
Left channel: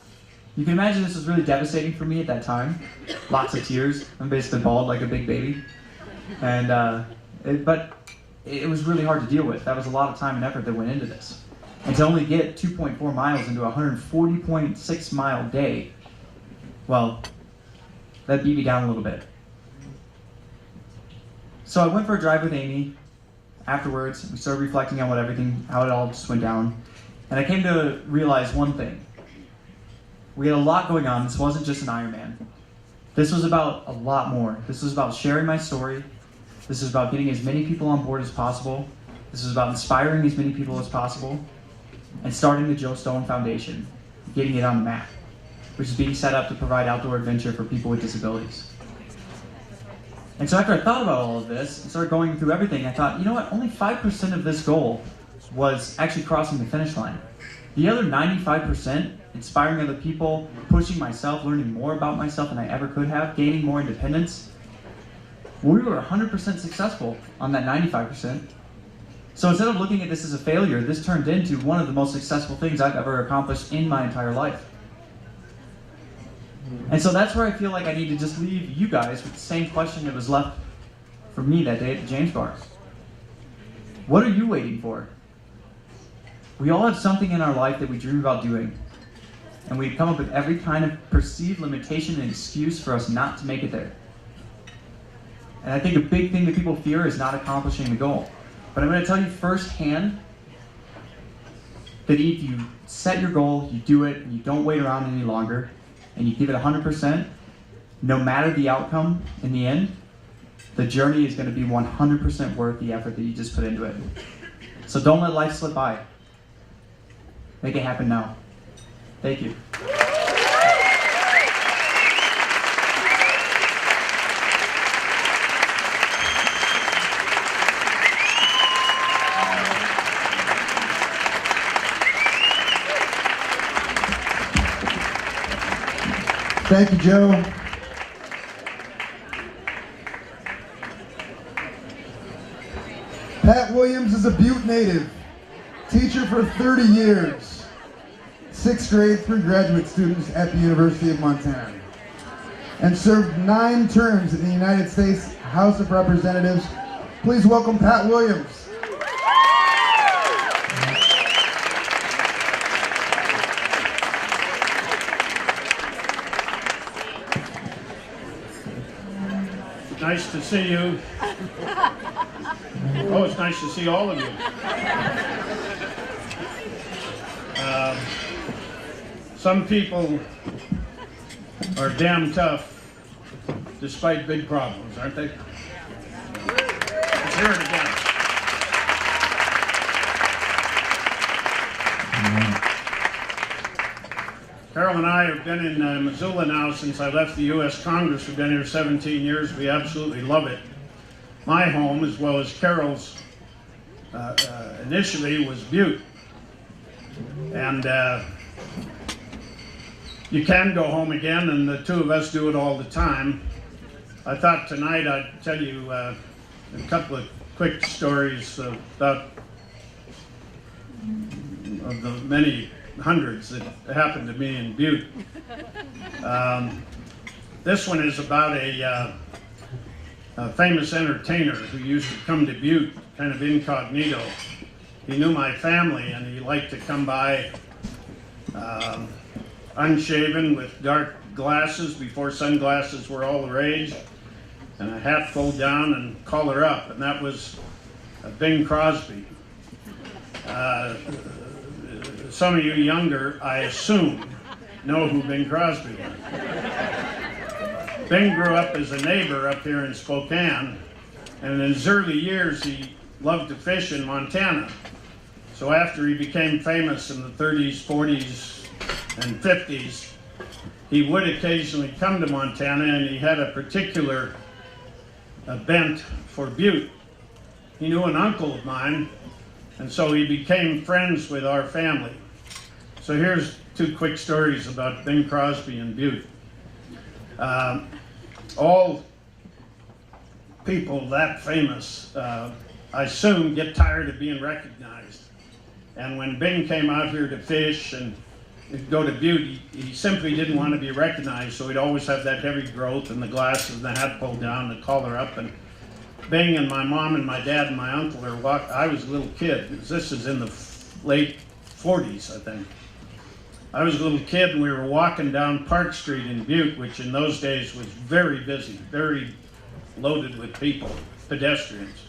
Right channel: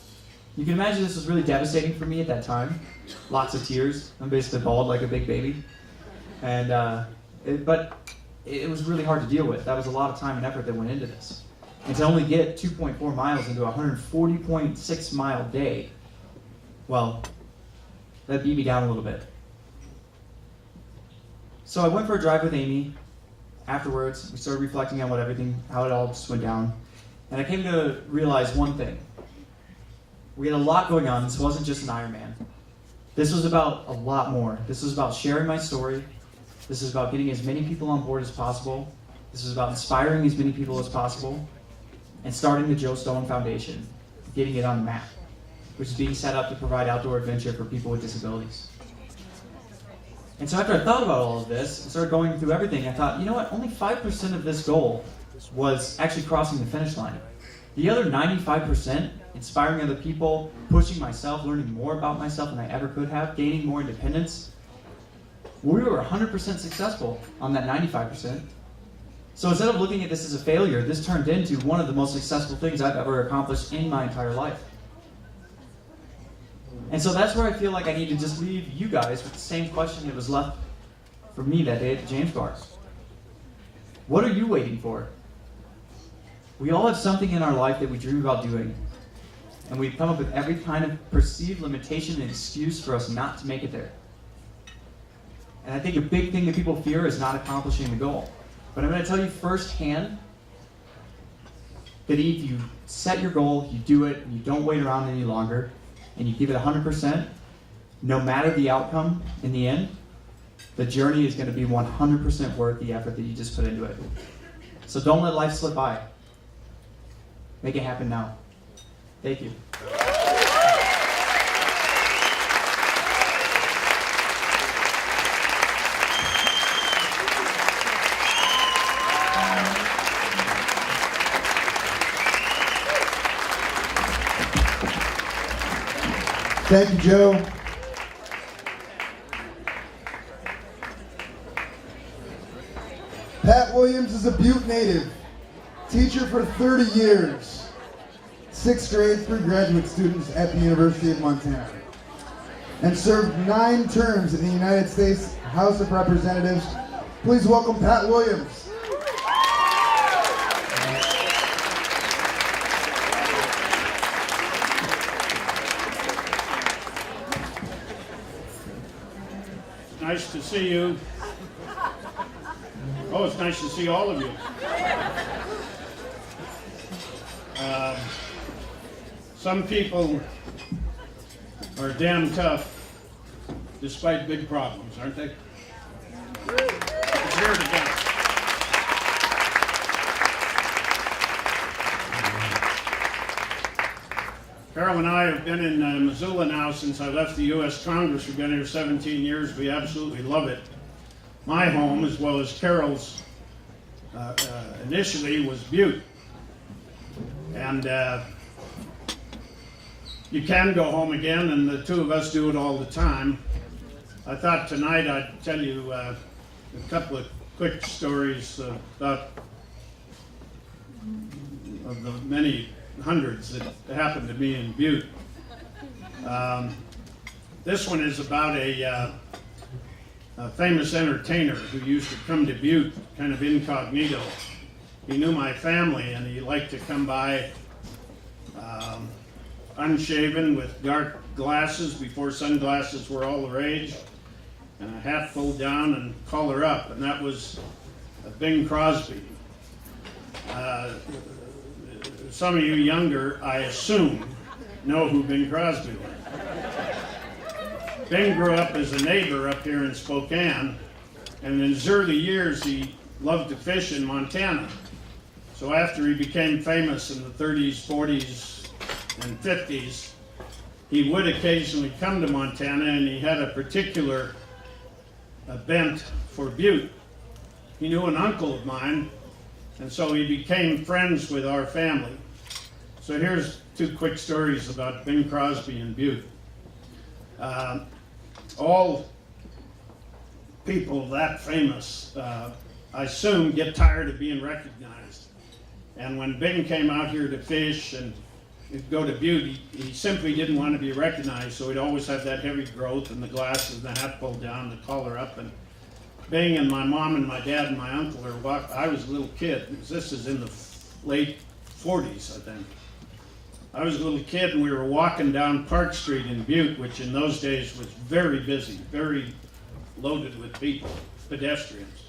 You can imagine this was really devastating for me at that time. Lots of tears. I'm basically bald like a big baby. And but it was really hard to deal with. That was a lot of time and effort that went into this. And to only get 2.4 miles into a 140.6 mile day, well, that beat me down a little bit. So I went for a drive with Amy. Afterwards, we started reflecting on how it all just went down. And I came to realize one thing. We had a lot going on. This wasn't just an Ironman. This was about a lot more. This was about sharing my story. This is about getting as many people on board as possible. This is about inspiring as many people as possible. And starting the Joe Stone Foundation, getting it on the map, which is being set up to provide outdoor adventure for people with disabilities. And so after I thought about all of this and started going through everything, I thought, you know what, only 5% of this goal was actually crossing the finish line. The other 95%, inspiring other people, pushing myself, learning more about myself than I ever could have, gaining more independence, we were 100% successful on that 95%. So instead of looking at this as a failure, this turned into one of the most successful things I've ever accomplished in my entire life. And so that's where I feel like I need to just leave you guys with the same question that was left for me that day at the James Bar. What are you waiting for? We all have something in our life that we dream about doing. And we've come up with every kind of perceived limitation and excuse for us not to make it there. And I think a big thing that people fear is not accomplishing the goal. But I'm going to tell you firsthand that if you set your goal, you do it, and you don't wait around any longer, and you give it 100%, no matter the outcome in the end, the journey is going to be 100% worth the effort that you just put into it. So don't let life slip by. Make it happen now. Thank you. Thank you, Joe. Pat Williams is a Butte native, teacher for 30 years, 6th grade through graduate students at the University of Montana, and served 9 terms in the United States House of Representatives. Please welcome Pat Williams. Nice to see you. Oh, it's nice to see all of you. Some people are damn tough despite big problems, aren't they? Let's hear it again. Carol and I have been in Missoula now since I left the U.S. Congress. We've been here 17 years. We absolutely love it. My home, as well as Carol's, initially was Butte. And you can go home again, and the two of us do it all the time. I thought tonight I'd tell you a couple of quick stories about of the many hundreds that happened to me in Butte. This one is about a famous entertainer who used to come to Butte kind of incognito. He knew my family, and he liked to come by unshaven with dark glasses before sunglasses were all the rage, and a hat pulled down and collar up, and that was Bing Crosby. Some of you younger, I assume, know who Bing Crosby was. Bing grew up as a neighbor up here in Spokane, and in his early years he loved to fish in Montana. So after he became famous in the 30s, 40s, and 50s, he would occasionally come to Montana, and he had a particular bent for Butte. He knew an uncle of mine, and so he became friends with our family. So here's 2 quick stories about Bing Crosby and Butte. All people that famous, I assume, get tired of being recognized. And when Bing came out here to fish and go to Butte, he simply didn't want to be recognized, so he'd always have that heavy growth and the glasses and the hat pulled down, the collar up. And Bing and my mom and my dad and my uncle are walking. I was a little kid. This is in the late 40s, I think. I was a little kid, and we were walking down Park Street in Butte, which in those days was very busy, very loaded with people. pedestrians.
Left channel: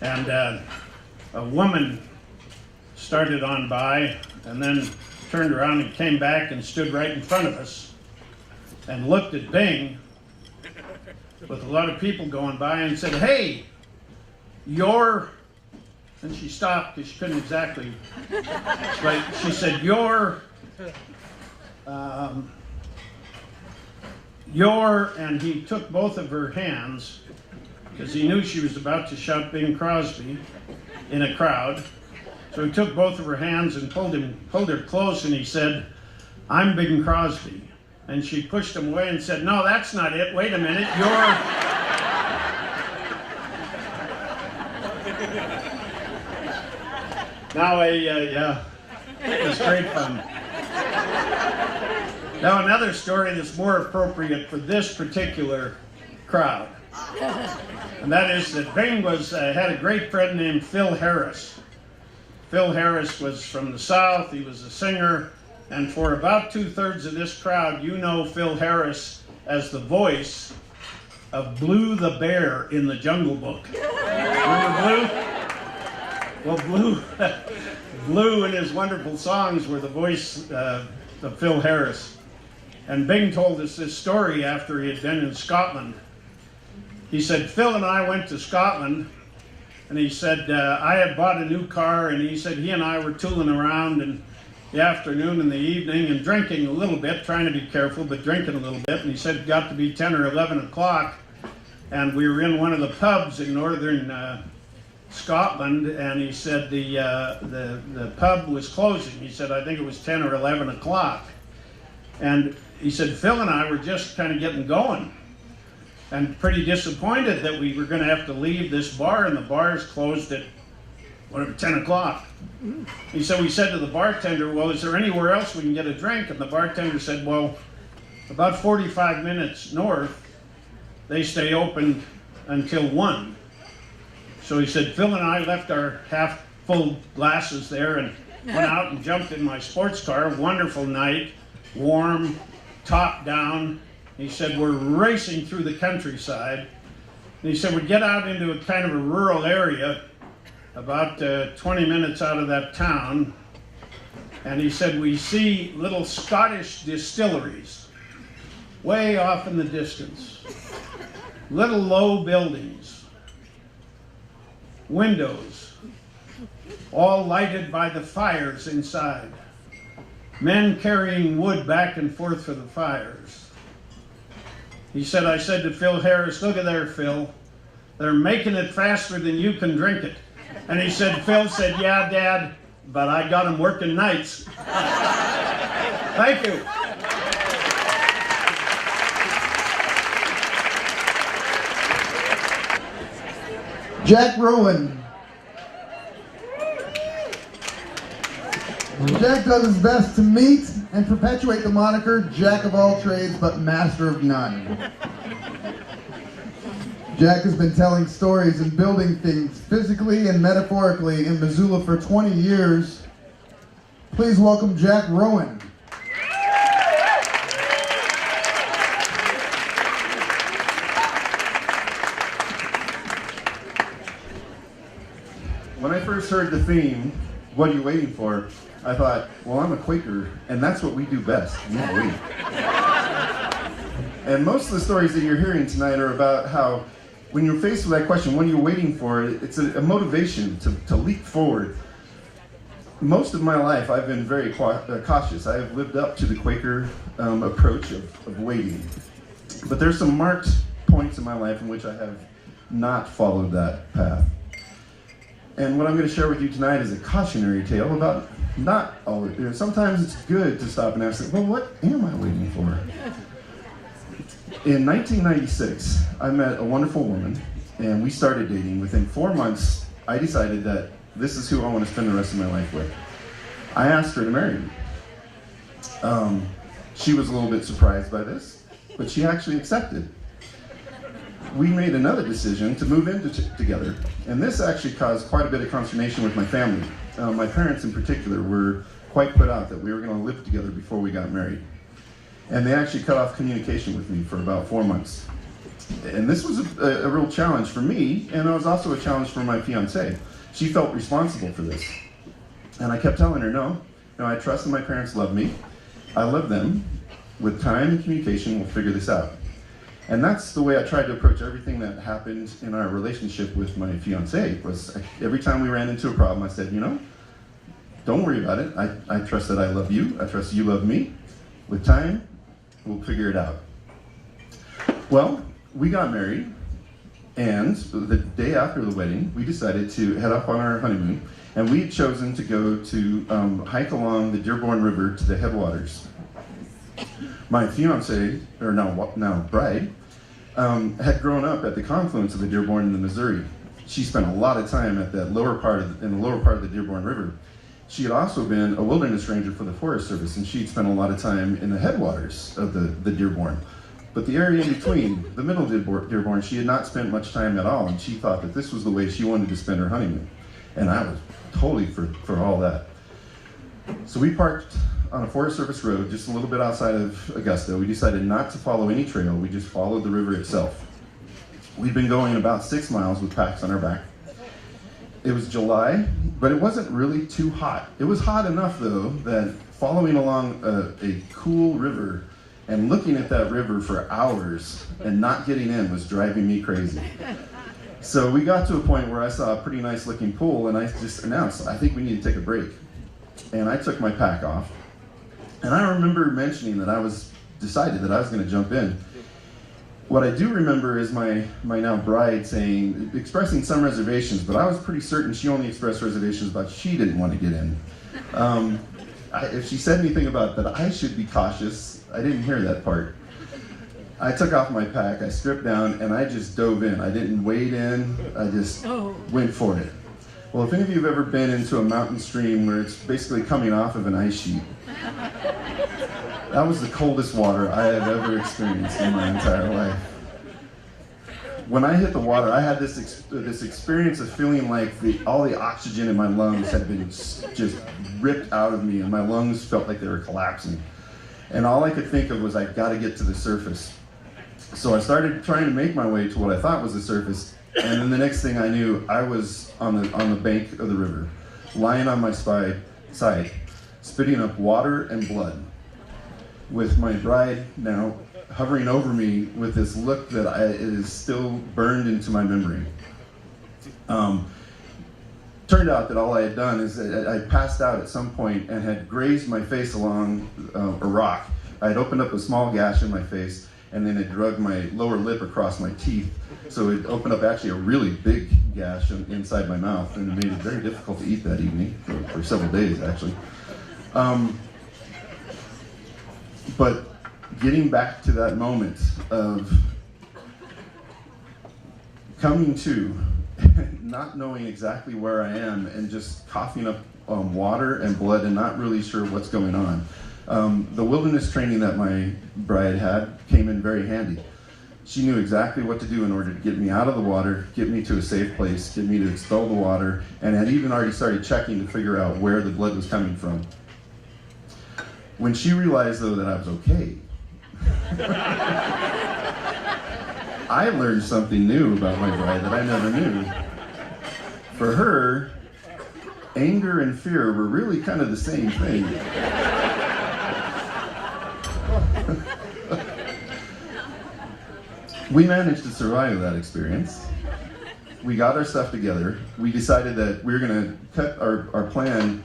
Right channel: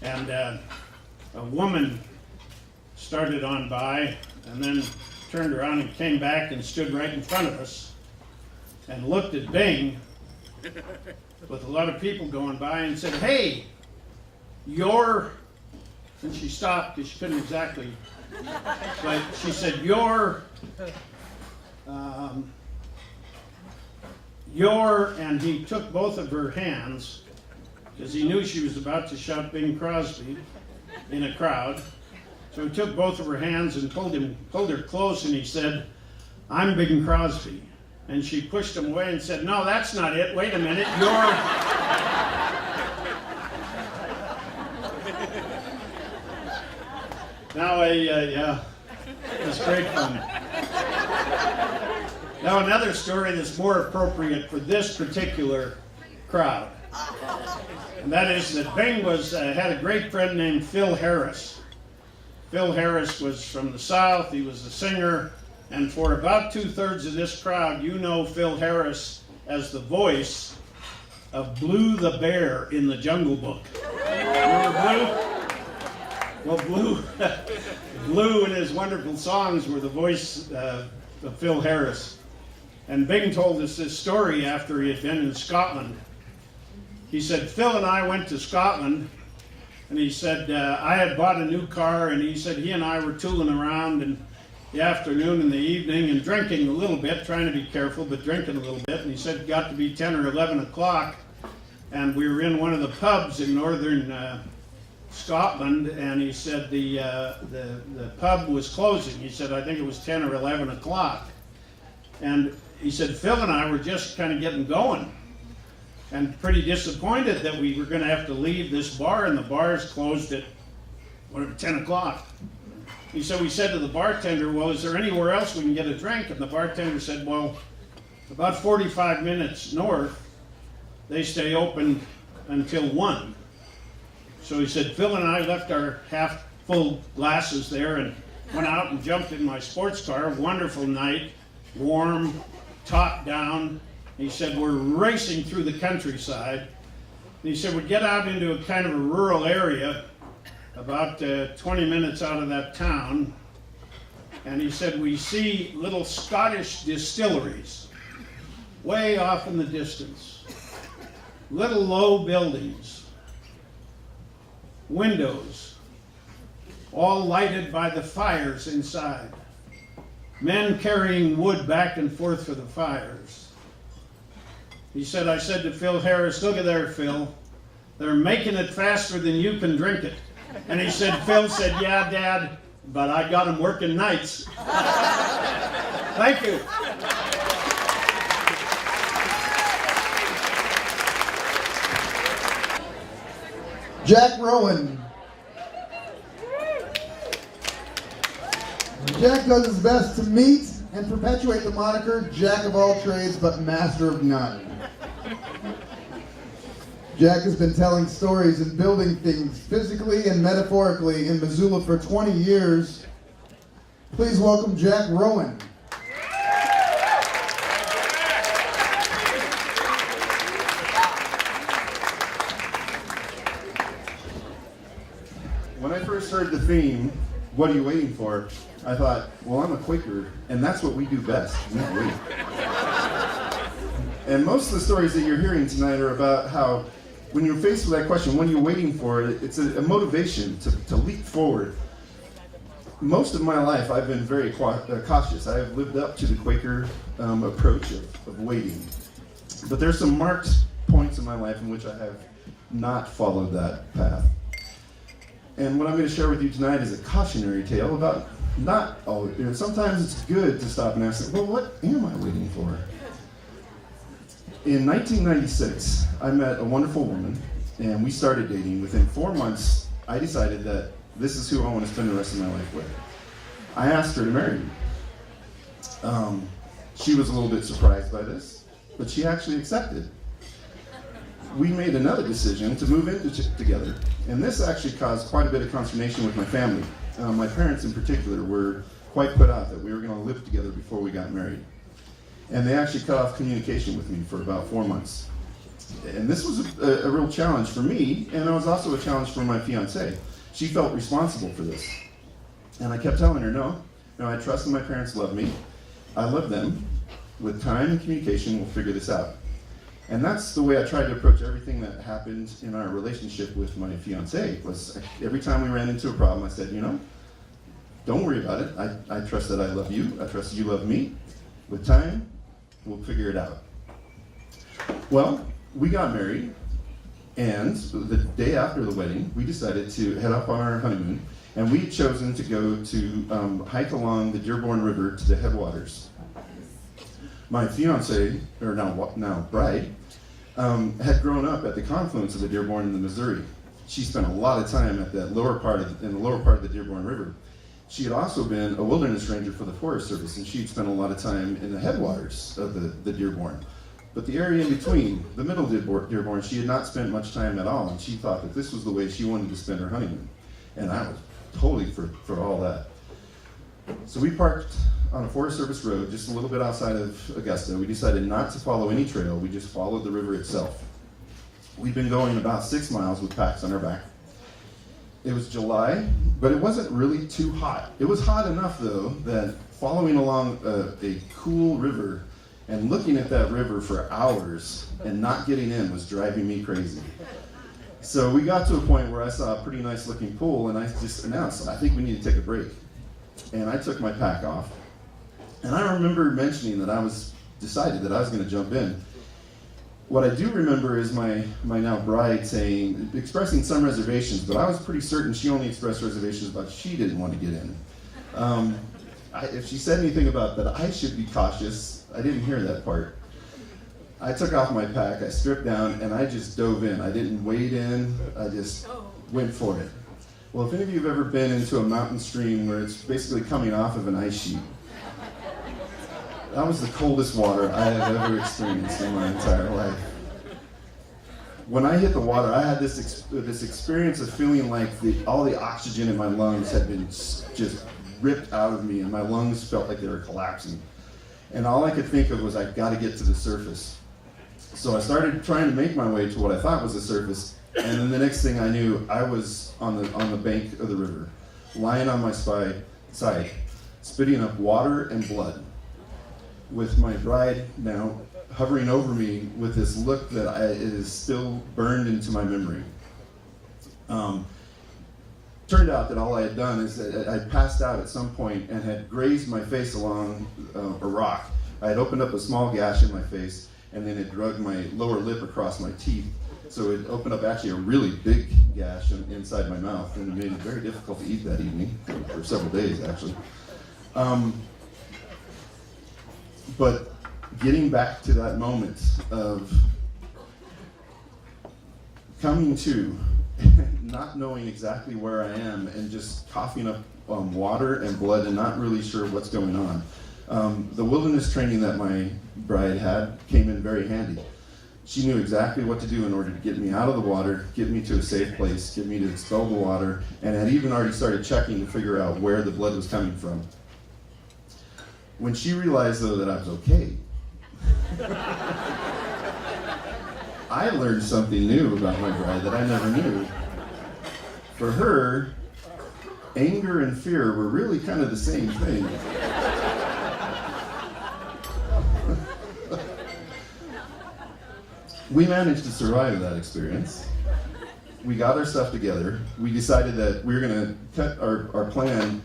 And a woman started on by and then turned around and came back and stood right in front of us and looked at Bing with a lot of people going by and said, "Hey, you're," and she stopped because she couldn't exactly, but she said, "You're," and he took both of her hands because he knew she was about to shout Bing Crosby in a crowd. So he took both of her hands and pulled her close, and he said, "I'm Bing Crosby." And she pushed him away and said, "No, that's not it. Wait a minute. You're..." Now, yeah, it was great fun. Now, another story that's more appropriate for this particular crowd. And that is that Bing had a great friend named Phil Harris. Phil Harris was from the South. He was a singer. And for about 2/3 of this crowd, you know Phil Harris as the voice of Blue the Bear in the Jungle Book. Remember Blue? Well, Blue and his wonderful songs were the voice of Phil Harris. And Bing told us this story after he had been in Scotland. He said, "Phil and I went to Scotland," and he said, "I had bought a new car," and he said he and I were tooling around in the afternoon and the evening and drinking a little bit, trying to be careful, but drinking a little bit. And he said it got to be 10 or 11 o'clock, and we were in one of the pubs in northern Scotland, and he said the pub was closing. He said, I think it was 10 or 11 o'clock. And he said, Phil and I were just kind of getting going and pretty disappointed that we were going to have to leave this bar, and the bar is closed at whatever, 10 o'clock. He said, we said to the bartender, well, is there anywhere else we can get a drink? And the bartender said, well, about 45 minutes north, they stay open until 1. So he said, Phil and I left our half-full glasses there and went out and jumped in my sports car. Wonderful night, warm, top down. He said, we're racing through the countryside. And he said, we get out into a kind of a rural area, about 20 minutes out of that town. And he said, we see little Scottish distilleries way off in the distance. Little low buildings, windows, all lighted by the fires inside. Men carrying wood back and forth for the fires. He said, I said to Phil Harris, look at there, Phil. They're making it faster than you can drink it. And he said, Phil said, yeah, Dad, but I got him working nights. Thank you. Jack Rowan. Jack does his best to meet and perpetuate the moniker Jack of all trades but master of none. Jack has been telling stories and building things physically and metaphorically in Missoula for 20 years. Please welcome Jack Rowan. When I first heard the theme, what are you waiting for? I thought, well, I'm a Quaker, and that's what we do best. We wait. And most of the stories that you're hearing tonight are about how, when you're faced with that question, what are you waiting for? It's a motivation to leap forward. Most of my life, I've been very cautious. I have lived up to the Quaker approach of waiting. But there's some marked points in my life in which I have not followed that path. And what I'm going to share with you tonight is a cautionary tale about not always. Sometimes it's good to stop and ask, well, what am I waiting for? In 1996, I met a wonderful woman, and we started dating. Within 4 months, I decided that this is who I want to spend the rest of my life with. I asked her to marry me. She was a little bit surprised by this, but she actually accepted. We made another decision to move in together, and this actually caused quite a bit of consternation with my family. My parents in particular were quite put out that we were going to live together before we got married. And they actually cut off communication with me for about 4 months. And this was a real challenge for me, and it was also a challenge for my fiancée. She felt responsible for this. And I kept telling her, no, I trust that my parents love me. I love them. With time and communication, we'll figure this out. And that's the way I tried to approach everything that happened in our relationship with my fiancée. Was every time we ran into a problem, I said, don't worry about it. I trust that I love you. I trust you love me. With time, we'll figure it out. Well, we got married, and the day after the wedding, we decided to head off on our honeymoon, and we had chosen to go to hike along the Dearborn River to the headwaters. My fiancée, or now bride, had grown up at the confluence of the Dearborn and the Missouri. She spent a lot of time at that lower part of the Dearborn River. She had also been a wilderness ranger for the Forest Service, and she'd spent a lot of time in the headwaters of the Dearborn. But the area in between, the middle Dearborn, she had not spent much time at all, and she thought that this was the way she wanted to spend her honeymoon. And I was totally for all that. So we parked on a Forest Service road just a little bit outside of Augusta. We decided not to follow any trail, we just followed the river itself. We'd been going about 6 miles with packs on our back. It was July, but it wasn't really too hot. It was hot enough, though, that following along a cool river and looking at that river for hours and not getting in was driving me crazy. So we got to a point where I saw a pretty nice looking pool, and I just announced, I think we need to take a break. And I took my pack off. And I remember mentioning that decided that I was going to jump in. What I do remember is my now bride expressing some reservations, but I was pretty certain she only expressed reservations about she didn't want to get in. If she said anything about that I should be cautious, I didn't hear that part. I took off my pack, I stripped down, and I just dove in. I didn't wade in, I just went for it. Well, if any of you have ever been into a mountain stream where it's basically coming off of an ice sheet, that was the coldest water I have ever experienced in my entire life. When I hit the water, I had this experience of feeling like all the oxygen in my lungs had been just ripped out of me, and my lungs felt like they were collapsing. And all I could think of was, I've got to get to the surface. So I started trying to make my way to what I thought was the surface, and then the next thing I knew, I was on the bank of the river, lying on my side, spitting up water and blood, with my bride now hovering over me with this look that it is still burned into my memory. Turned out that all I had done is that I passed out at some point and had grazed my face along a rock. I had opened up a small gash in my face, and then it dragged my lower lip across my teeth. So it opened up actually a really big gash inside my mouth, and it made it very difficult to eat that evening, for several days actually. But getting back to that moment of coming to, not knowing exactly where I am, and just coughing up water and blood and not really sure what's going on. The wilderness training that my bride had came in very handy. She knew exactly what to do in order to get me out of the water, get me to a safe place, get me to expel the water, and had even already started checking to figure out where the blood was coming from. When she realized, though, that I was okay, I learned something new about my bride that I never knew. For her, anger and fear were really kind of the same thing. We managed to survive that experience. We got our stuff together. We decided that we were going to cut our plan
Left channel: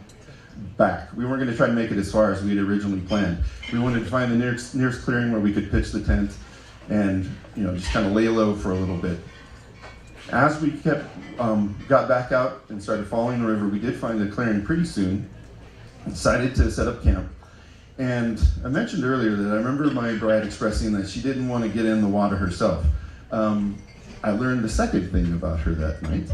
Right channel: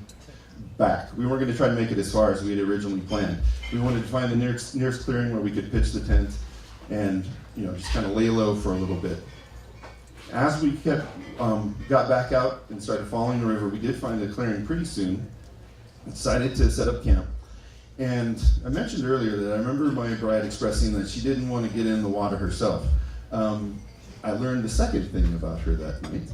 back. We weren't going to try to make it as far as we had originally planned. We wanted to find the nearest clearing where we could pitch the tent and just kind of lay low for a little bit. As we got back out and started following the river, we did find the clearing pretty soon. Decided to set up camp. And I mentioned earlier that I remember my bride expressing that she didn't want to get in the water herself. I learned the second thing about her that night.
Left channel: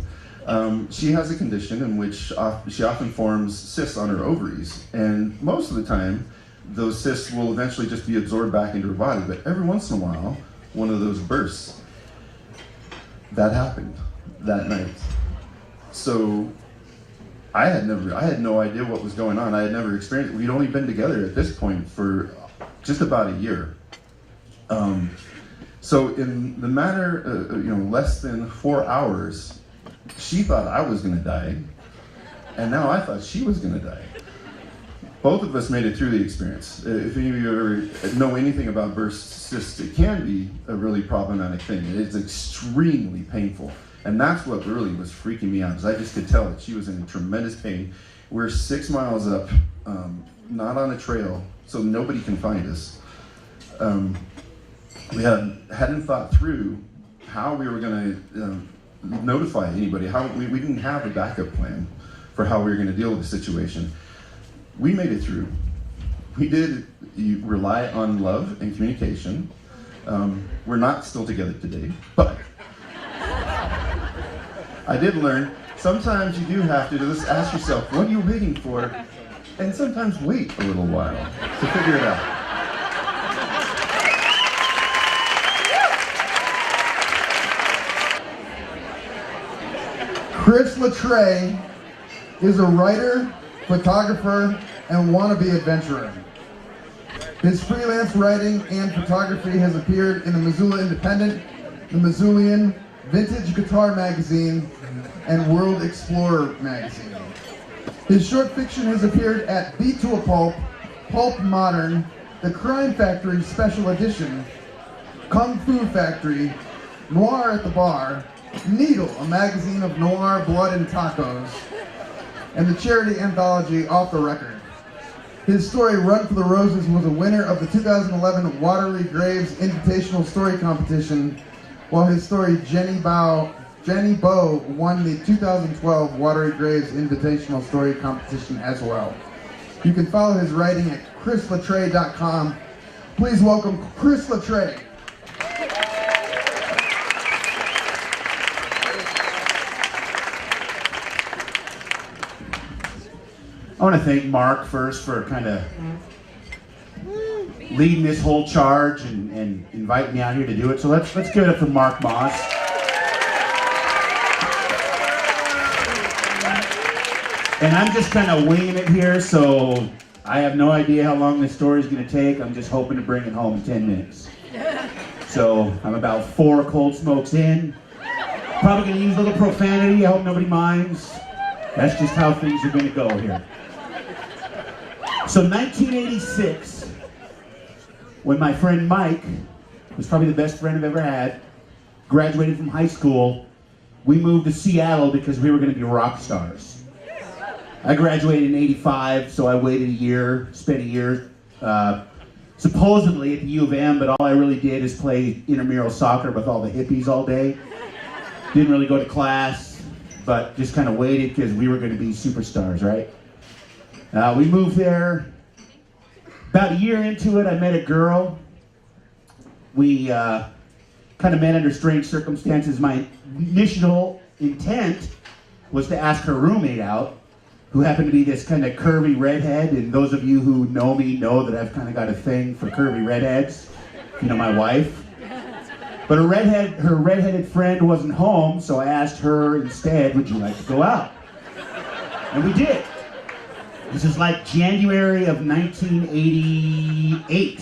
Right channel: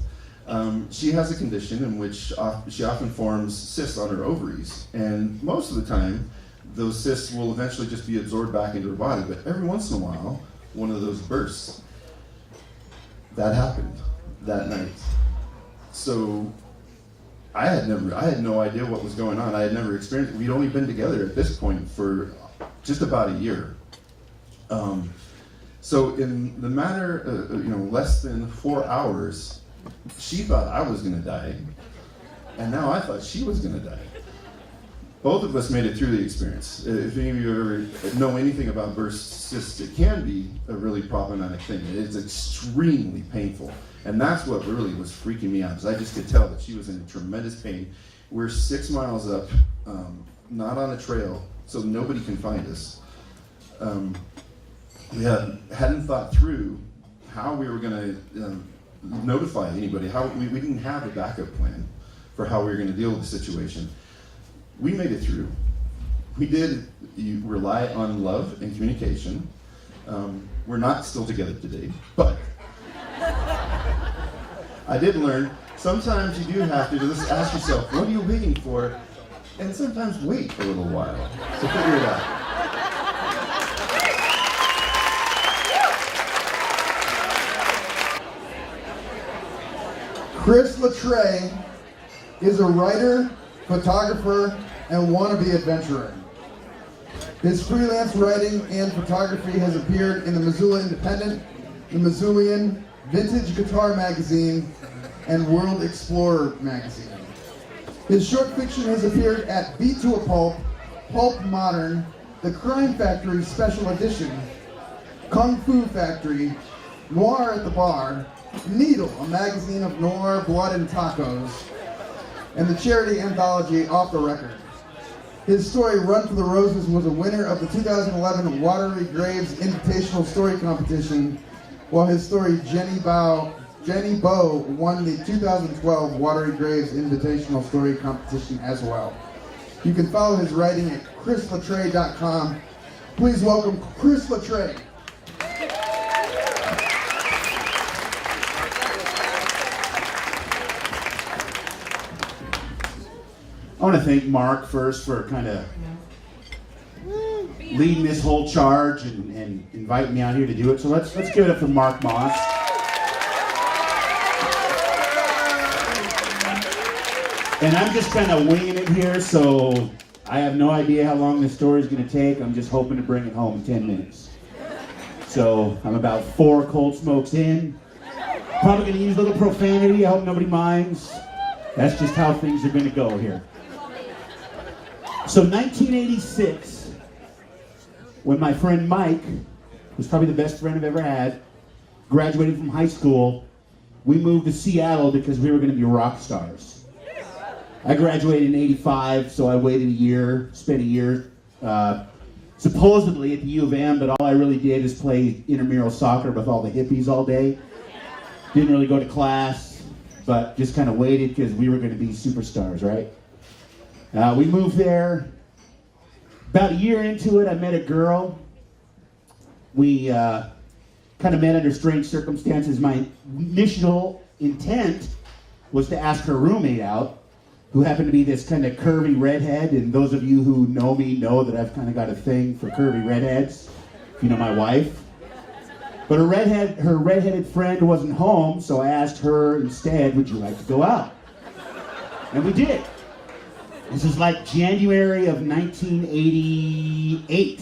She has a condition in which she often forms cysts on her ovaries. And most of the time, those cysts will eventually just be absorbed back into her body. But every once in a while, one of those bursts. That happened that night. So I had no idea what was going on. I had never experienced it. We'd only been together at this point for just about a year. So in the matter, less than 4 hours, she thought I was going to die, and now I thought she was going to die. Both of us made it through the experience. If any of you ever know anything about burst cysts, it can be a really problematic thing. It's extremely painful. And that's what really was freaking me out, because I just could tell that she was in tremendous pain. We're 6 miles up, not on a trail, so nobody can find us. We hadn't thought through how we were going to notify anybody. We didn't have a backup plan for how we were going to deal with the situation. We made it through. We did rely on love and communication. We're not still together today, but I did learn sometimes you do have to just ask yourself, what are you waiting for? And sometimes wait a little while to figure it out. Chris Latreille is a writer, photographer, and wannabe adventurer. His freelance writing and photography has appeared in the Missoula Independent, the Missoulian, Vintage Guitar Magazine, and World Explorer Magazine. His short fiction has appeared at Beat to a Pulp, Pulp Modern, The Crime Factory Special Edition, Kung Fu Factory, Noir at the Bar, Needle, a magazine of noir, blood, and tacos, and the charity anthology Off the Record. His story, Run for the Roses, was a winner of the 2011 Watery Graves Invitational Story Competition, while his story, Jenny Bow, won the 2012 Watery Graves Invitational Story Competition as well. You can follow his writing at chrislatreille.com. Please welcome Chris Latreille. I want to thank Mark first for kind of leading this whole charge and inviting me out here to do it. So let's give it up for Mark Moss. And I'm just kind of winging it here, so I have no idea how long this story is going to take. I'm just hoping to bring it home in 10 minutes. So I'm about 4 cold smokes in. Probably going to use a little profanity. I hope nobody minds. That's just how things are going to go here. So 1986, when my friend Mike, who's probably the best friend I've ever had, graduated from high school, we moved to Seattle because we were going to be rock stars. I graduated in 85, so I waited a year, spent a year supposedly at the U of M, but all I really did is play intramural soccer with all the hippies all day. Didn't really go to class, but just kind of waited because we were going to be superstars, right? We moved there. About a year into it, I met a girl. We kind of met under strange circumstances. My initial intent was to ask her roommate out, who happened to be this kind of curvy redhead. And those of you who know me know that I've kind of got a thing for curvy redheads. You know, my wife. But her redheaded friend wasn't home, so I asked her instead, would you like to go out? And we did. This is like January of 1988.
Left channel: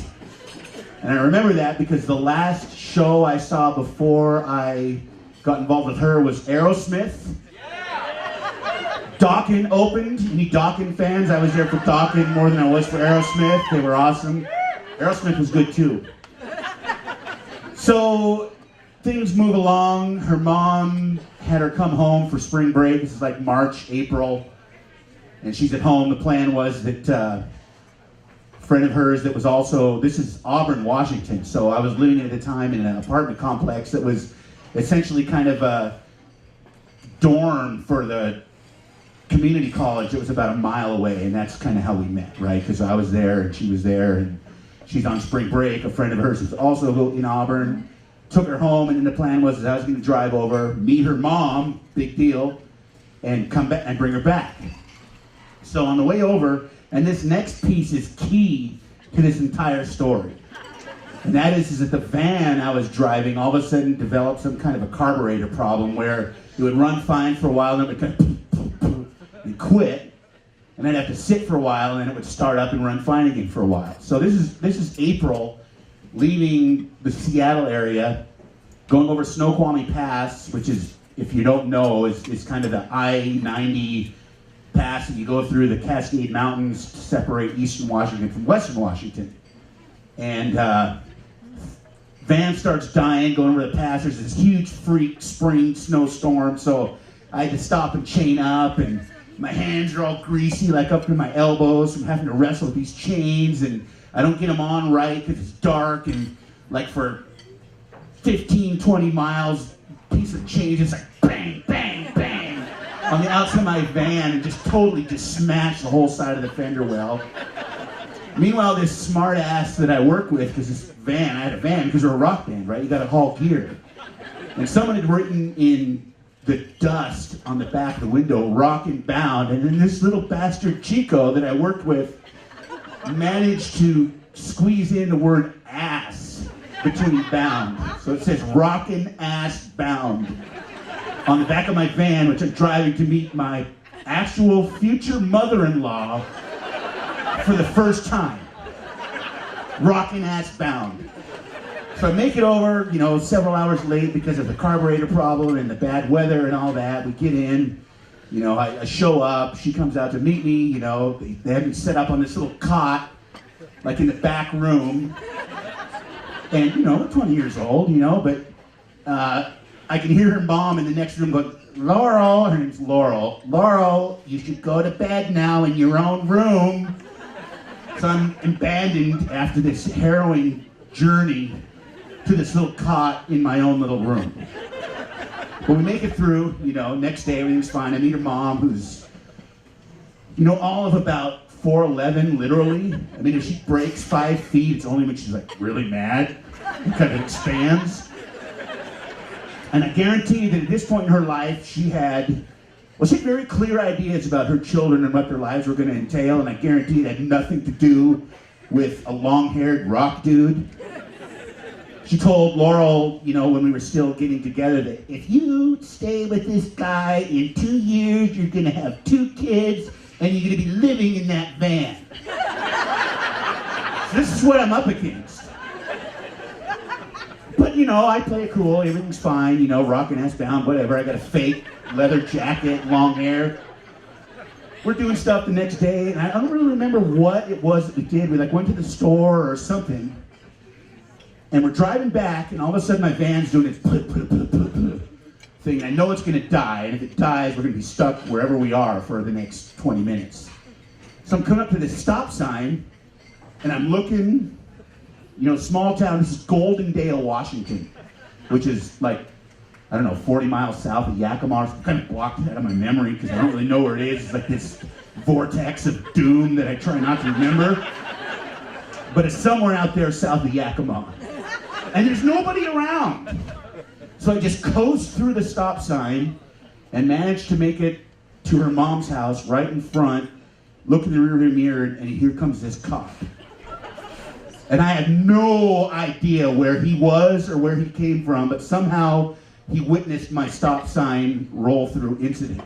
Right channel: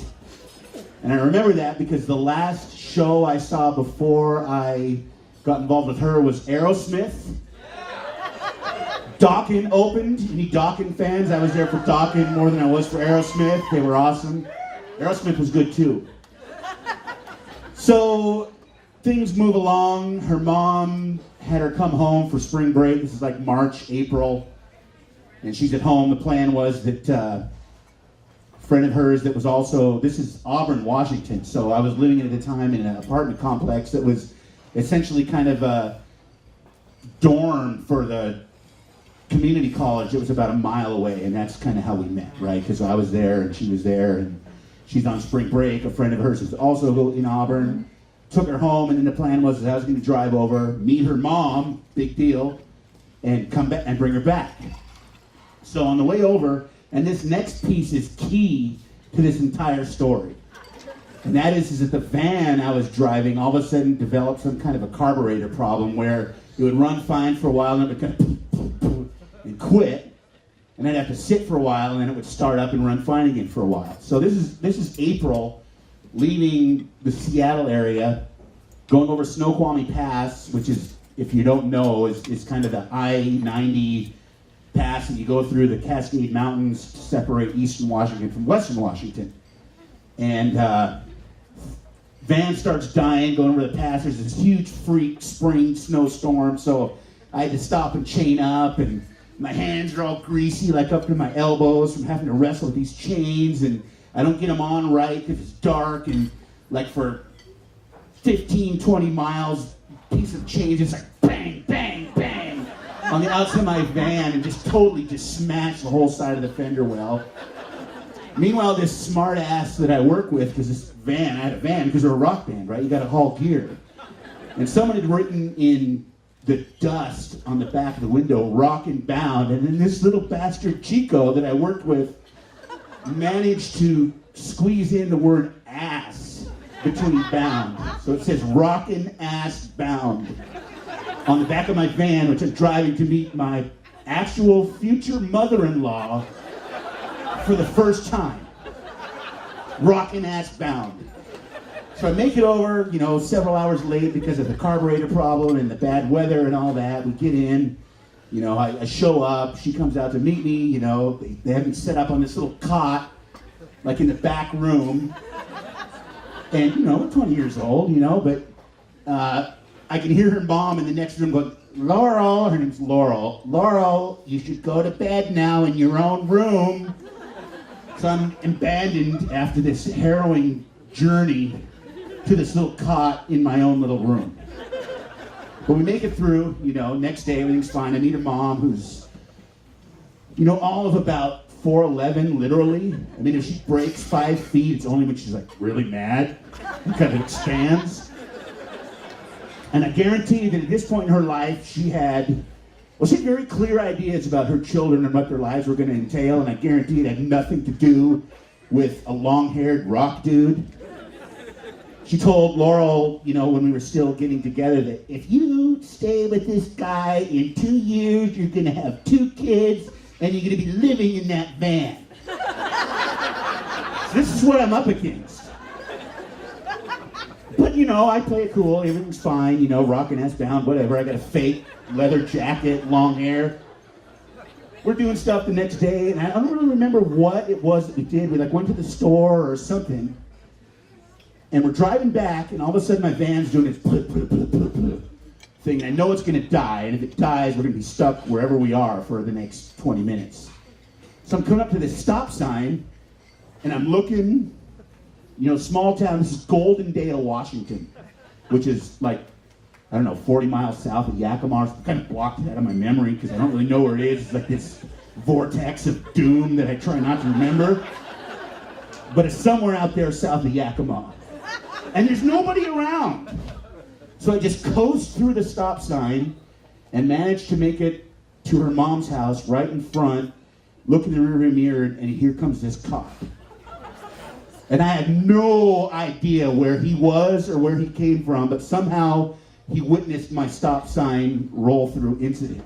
And I remember that because the last show I saw before I got involved with her was Aerosmith. Dokken opened. Any Dokken fans? I was there for Dokken more than I was for Aerosmith. They were awesome. Aerosmith was good too. So things move along. Her mom had her come home for spring break. This is like March, April. And she's at home. The plan was that a friend of hers that was also, this is Auburn, Washington. So I was living at the time in an apartment complex that was essentially kind of a dorm for the community college that was about a mile away. And that's kind of how we met, right? Because I was there and she was there and she's on spring break. A friend of hers was also in Auburn. Took her home, and then the plan was that I was going to drive over, meet her mom, big deal, and come back and bring her back. So on the way over, and this next piece is key to this entire story, and that is that the van I was driving all of a sudden developed some kind of a carburetor problem where it would run fine for a while, and then it would kind of and quit, and I'd have to sit for a while, and then it would start up and run fine again for a while. So this is April leaving the Seattle area, going over Snoqualmie Pass, which is, if you don't know, is kind of the I-90 pass that you go through the Cascade Mountains to separate eastern Washington from western Washington. And van starts dying going over the pass. There's this huge freak spring snowstorm, so I had to stop and chain up, and my hands are all greasy, like up to my elbows from having to wrestle with these chains, and I don't get them on right because it's dark, and like for 15, 20 miles, piece of chain just like bang, bang, bang on the outside of my van, and just totally just smashed the whole side of the fender well. Meanwhile, this smart ass that I work with, because this van, I had a van because we're a rock band, right? You got to haul gear. And someone had written in the dust on the back of the window, Rockin' Bound, and then this little bastard Chico that I worked with managed to squeeze in the word ass between bound. So it says Rockin' Ass Bound on the back of my van, which I'm driving to meet my actual future mother-in-law for the first time. Rockin' Ass Bound. So I make it over, several hours late because of the carburetor problem and the bad weather and all that. We get in, I show up, she comes out to meet me, they had me set up on this little cot, like in the back room. And, we're 20 years old, but I can hear her mom in the next room going, Laurel, her name's Laurel, Laurel, you should go to bed now in your own room. So I'm abandoned after this harrowing journey to this little cot in my own little room. But we make it through, next day everything's fine. I meet her mom, who's, all of about 4'11", literally. I mean, if she breaks 5 feet, it's only when she's like really mad and kind of expands. And I guarantee that at this point in her life, she had very clear ideas about her children and what their lives were going to entail, and I guarantee it had nothing to do with a long-haired rock dude. She told Laurel, when we were still getting together, that if you stay with this guy in 2 years, you're going to have 2 kids, and you're going to be living in that van. So this is what I'm up against. But, I play it cool, everything's fine, rockin' ass bound, whatever. I got a fake leather jacket, long hair. We're doing stuff the next day, and I don't really remember what it was that we did. We went to the store or something, and we're driving back, and all of a sudden my van's doing this thing. I know it's going to die, and if it dies, we're going to be stuck wherever we are for the next 20 minutes. So I'm coming up to this stop sign, and I'm looking, small town. This is Goldendale, Washington, which is 40 miles south of Yakima. I kind of blocked it out of my memory because I don't really know where it is. It's like this vortex of doom that I try not to remember. But it's somewhere out there south of Yakima. And there's nobody around. So I just coast through the stop sign and manage to make it to her mom's house right in front, look in the rearview mirror, and here comes this cop. And I had no idea where he was or where he came from, but somehow he witnessed my stop sign roll through incident.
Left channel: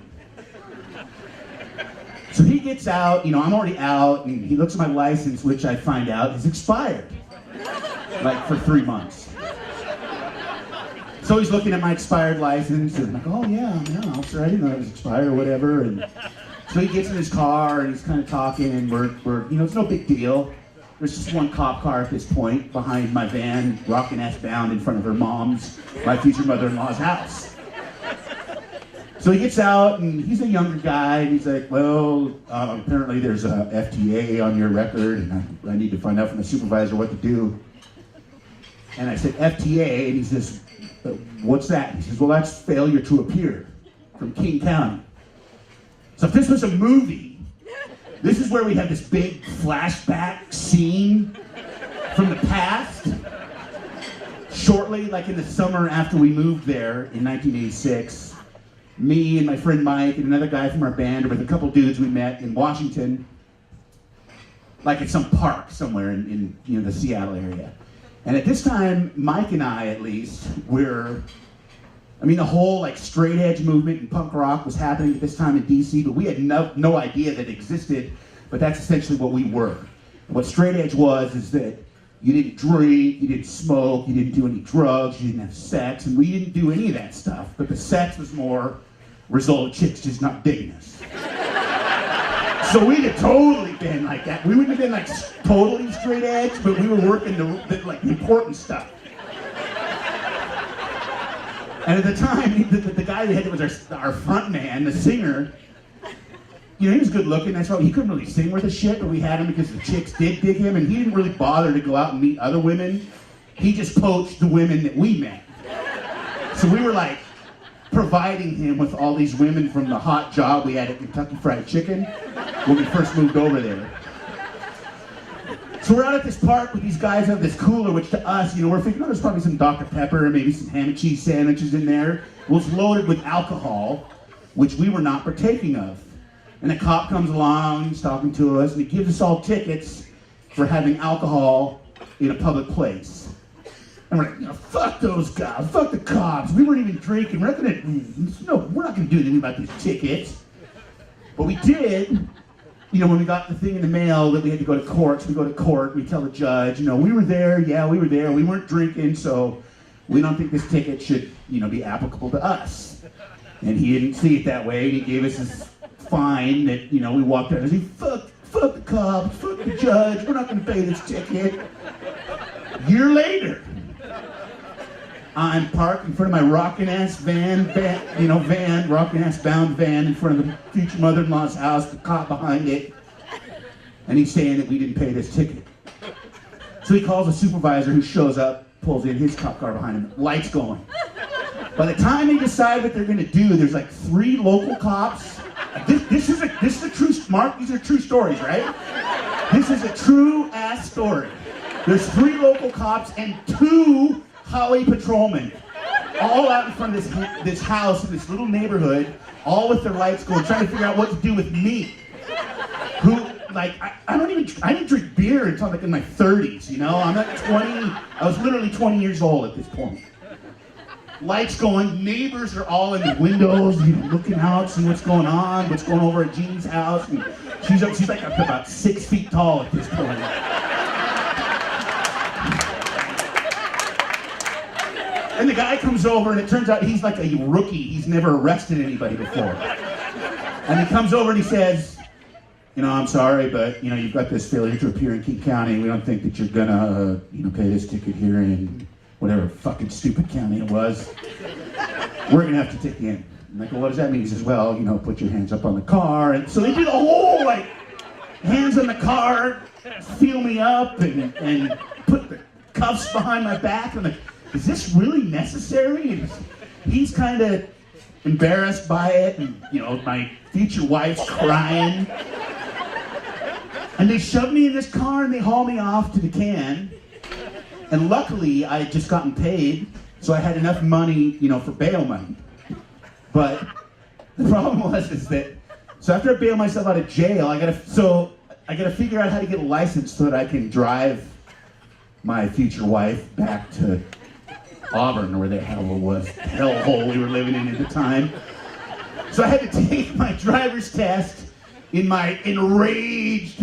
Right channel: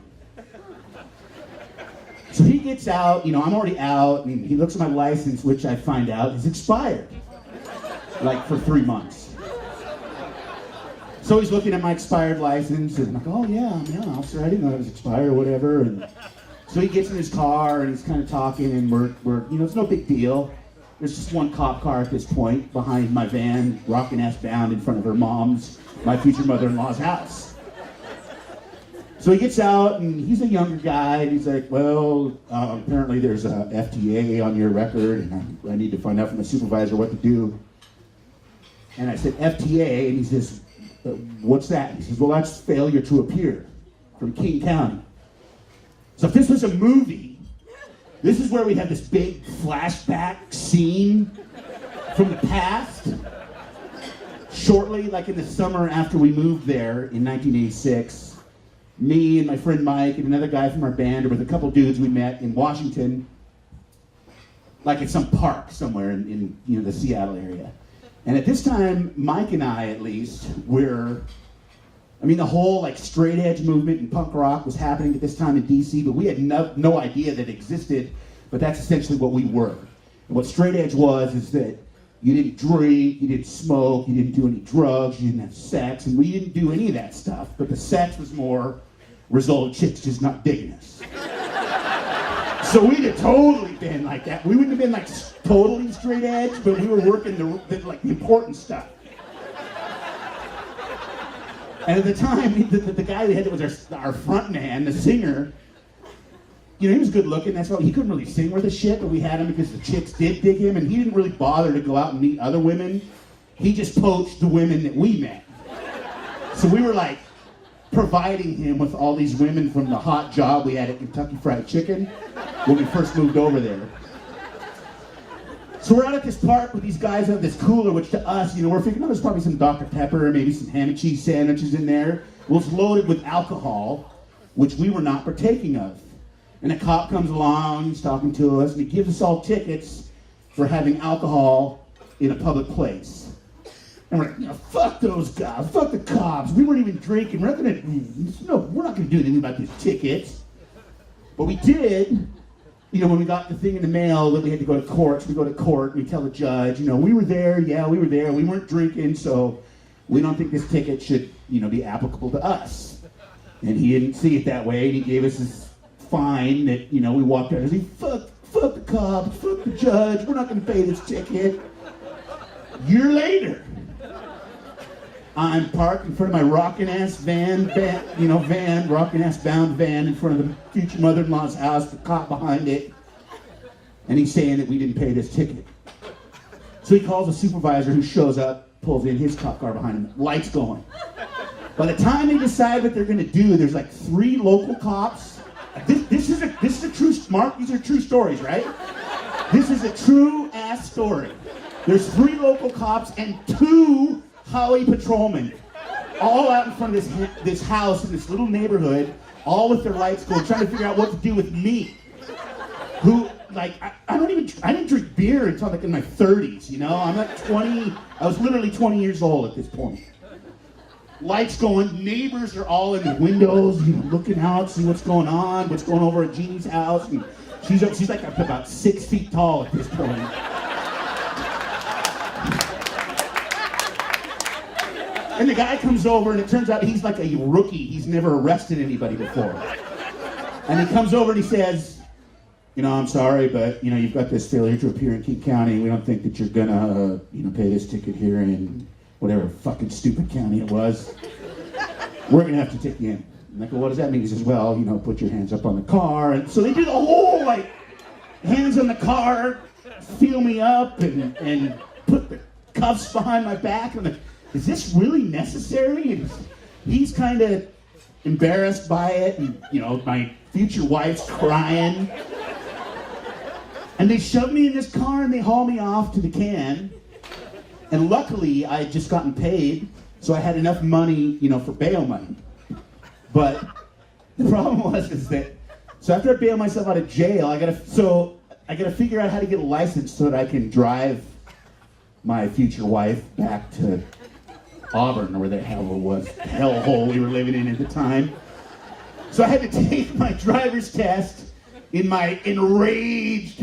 So he gets out, I'm already out, and he looks at my license, which I find out is expired, for 3 months. So he's looking at my expired license, and I'm like, oh yeah, officer, I didn't know it was expired or whatever. And so he gets in his car, and he's kind of talking, and we're it's no big deal. There's just one cop car at this point behind my van, rockin' ass bound in front of her mom's, my future mother-in-law's house. So he gets out, and he's a younger guy, and he's like, well, apparently there's a FTA on your record, and I need to find out from the supervisor what to do. And I said, FTA, and he says, what's that? He says, well, that's failure to appear from King County. So if this was a movie, this is where we have this big flashback scene from the past. Shortly, in the summer after we moved there in 1986, me and my friend Mike and another guy from our band with a couple dudes we met in Washington, at some park somewhere in the Seattle area. And at this time, Mike and I, at least, the whole straight edge movement and punk rock was happening at this time in DC, but we had no idea that it existed, but that's essentially what we were. And what straight edge was is that You didn't drink, you didn't smoke, you didn't do any drugs, you didn't have sex, and we didn't do any of that stuff. But the sex was more result of chicks just not digging us. So we'd have totally been like that. We wouldn't have been like totally straight edge, but we were working the like important stuff. And at the time, the guy we had that was our front man, the singer, you know, he was good looking. That's why he couldn't really sing worth a shit, but we had him because the chicks did dig him, and he didn't really bother to go out and meet other women. He just poached the women that we met. So we were like providing him with all these women from the hot job we had at Kentucky Fried Chicken when we first moved over there. So we're out at this park with these guys who have this cooler, which to us, you know, we're thinking, oh, there's probably some Dr. Pepper, maybe some ham and cheese sandwiches in there. Well, it's loaded with alcohol, which we were not partaking of. And a cop comes along, he's talking to us, and he gives us all tickets for having alcohol in a public place. And we're like, you know, fuck those guys, fuck the cops. We weren't even drinking. We're not gonna do anything about these tickets. But we did, you know, when we got the thing in the mail that we had to go to court. So we go to court, we tell the judge, you know, we were there, yeah, we were there. We weren't drinking, so we don't think this ticket should, you know, be applicable to us. And he didn't see it that way, and he gave us his fine that, you know, we walked out and he said, fuck the cops, fuck the judge, we're not gonna pay this ticket. Year later, I'm parked in front of my rockin' ass van, rockin' ass bound van in front of the future mother-in-law's house, the cop behind it, and he's saying that we didn't pay this ticket. So he calls a supervisor who shows up, pulls in his cop car behind him, lights going. By the time they decide what they're gonna do, there's like 3 local cops. This is a true, Mark, these are true stories, right? This is a true ass story. There's 3 local cops and 2 highway patrolmen, all out in front of this house in this little neighborhood, all with their lights going, trying to figure out what to do with me. Who, like, I didn't drink beer until like in my 30s, you know? I'm like 20, I was literally 20 years old at this point. Lights going, neighbors are all in the windows, you know, looking out, see what's going on, what's going over at Jeannie's house. And she's like about 6 feet tall at this point. And the guy comes over, and it turns out he's like a rookie. He's never arrested anybody before. And he comes over and he says, you know, I'm sorry, but, you know, you've got this failure to appear in King County. We don't think that you're gonna, you know, pay this ticket here in whatever fucking stupid county it was. We're gonna have to take you in. I'm like, well, what does that mean? He says, well, you know, put your hands up on the car. And so they do the whole, like, hands on the car, feel me up, and put the cuffs behind my back. I'm like, is this really necessary? And he's kind of embarrassed by it, and, you know, my future wife's crying. And they shove me in this car and they haul me off to the can. And luckily, I had just gotten paid, so I had enough money, you know, for bail money. But the problem was that, so after I bail myself out of jail, I gotta figure out how to get a license so that I can drive my future wife back to Auburn, or where the hell it was, hellhole we were living in at the time. So I had to take my driver's test in my enraged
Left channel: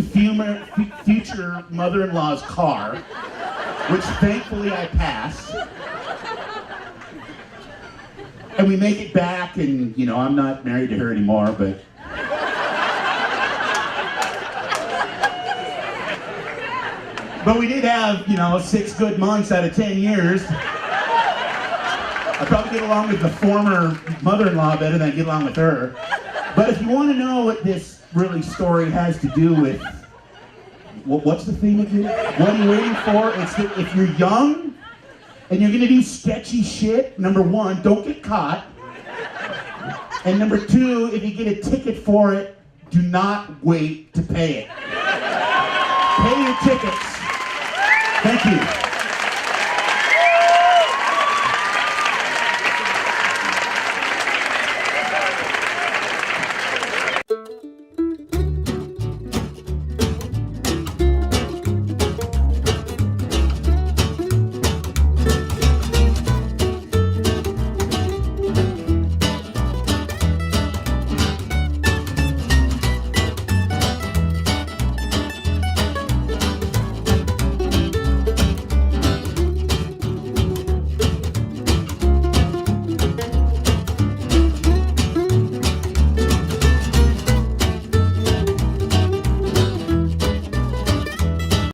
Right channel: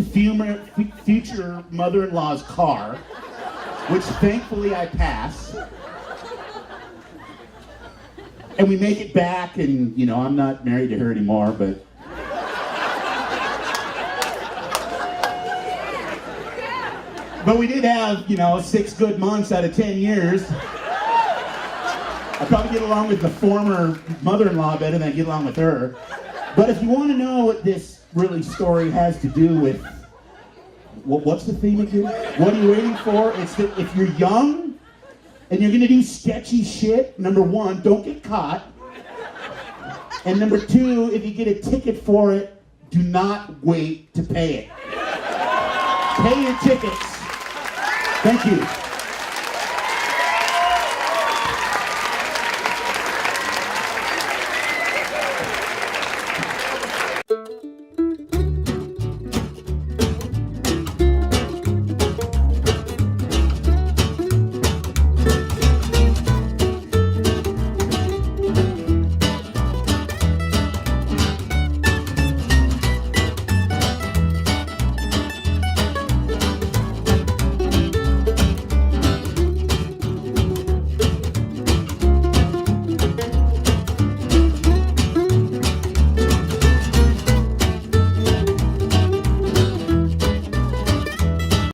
future mother-in-law's car, which thankfully I passed. And we make it back, and, you know, I'm not married to her anymore, but we did have, you know, 6 good months out of 10 years. I probably get along with the former mother-in-law better than I get along with her. But if you want to know what this really story has to do with, what's the theme again? What are you waiting for? It's that if you're young and you're going to do sketchy shit, number 1, don't get caught. And number 2, if you get a ticket for it, do not wait to pay it. Pay your tickets. Thank you.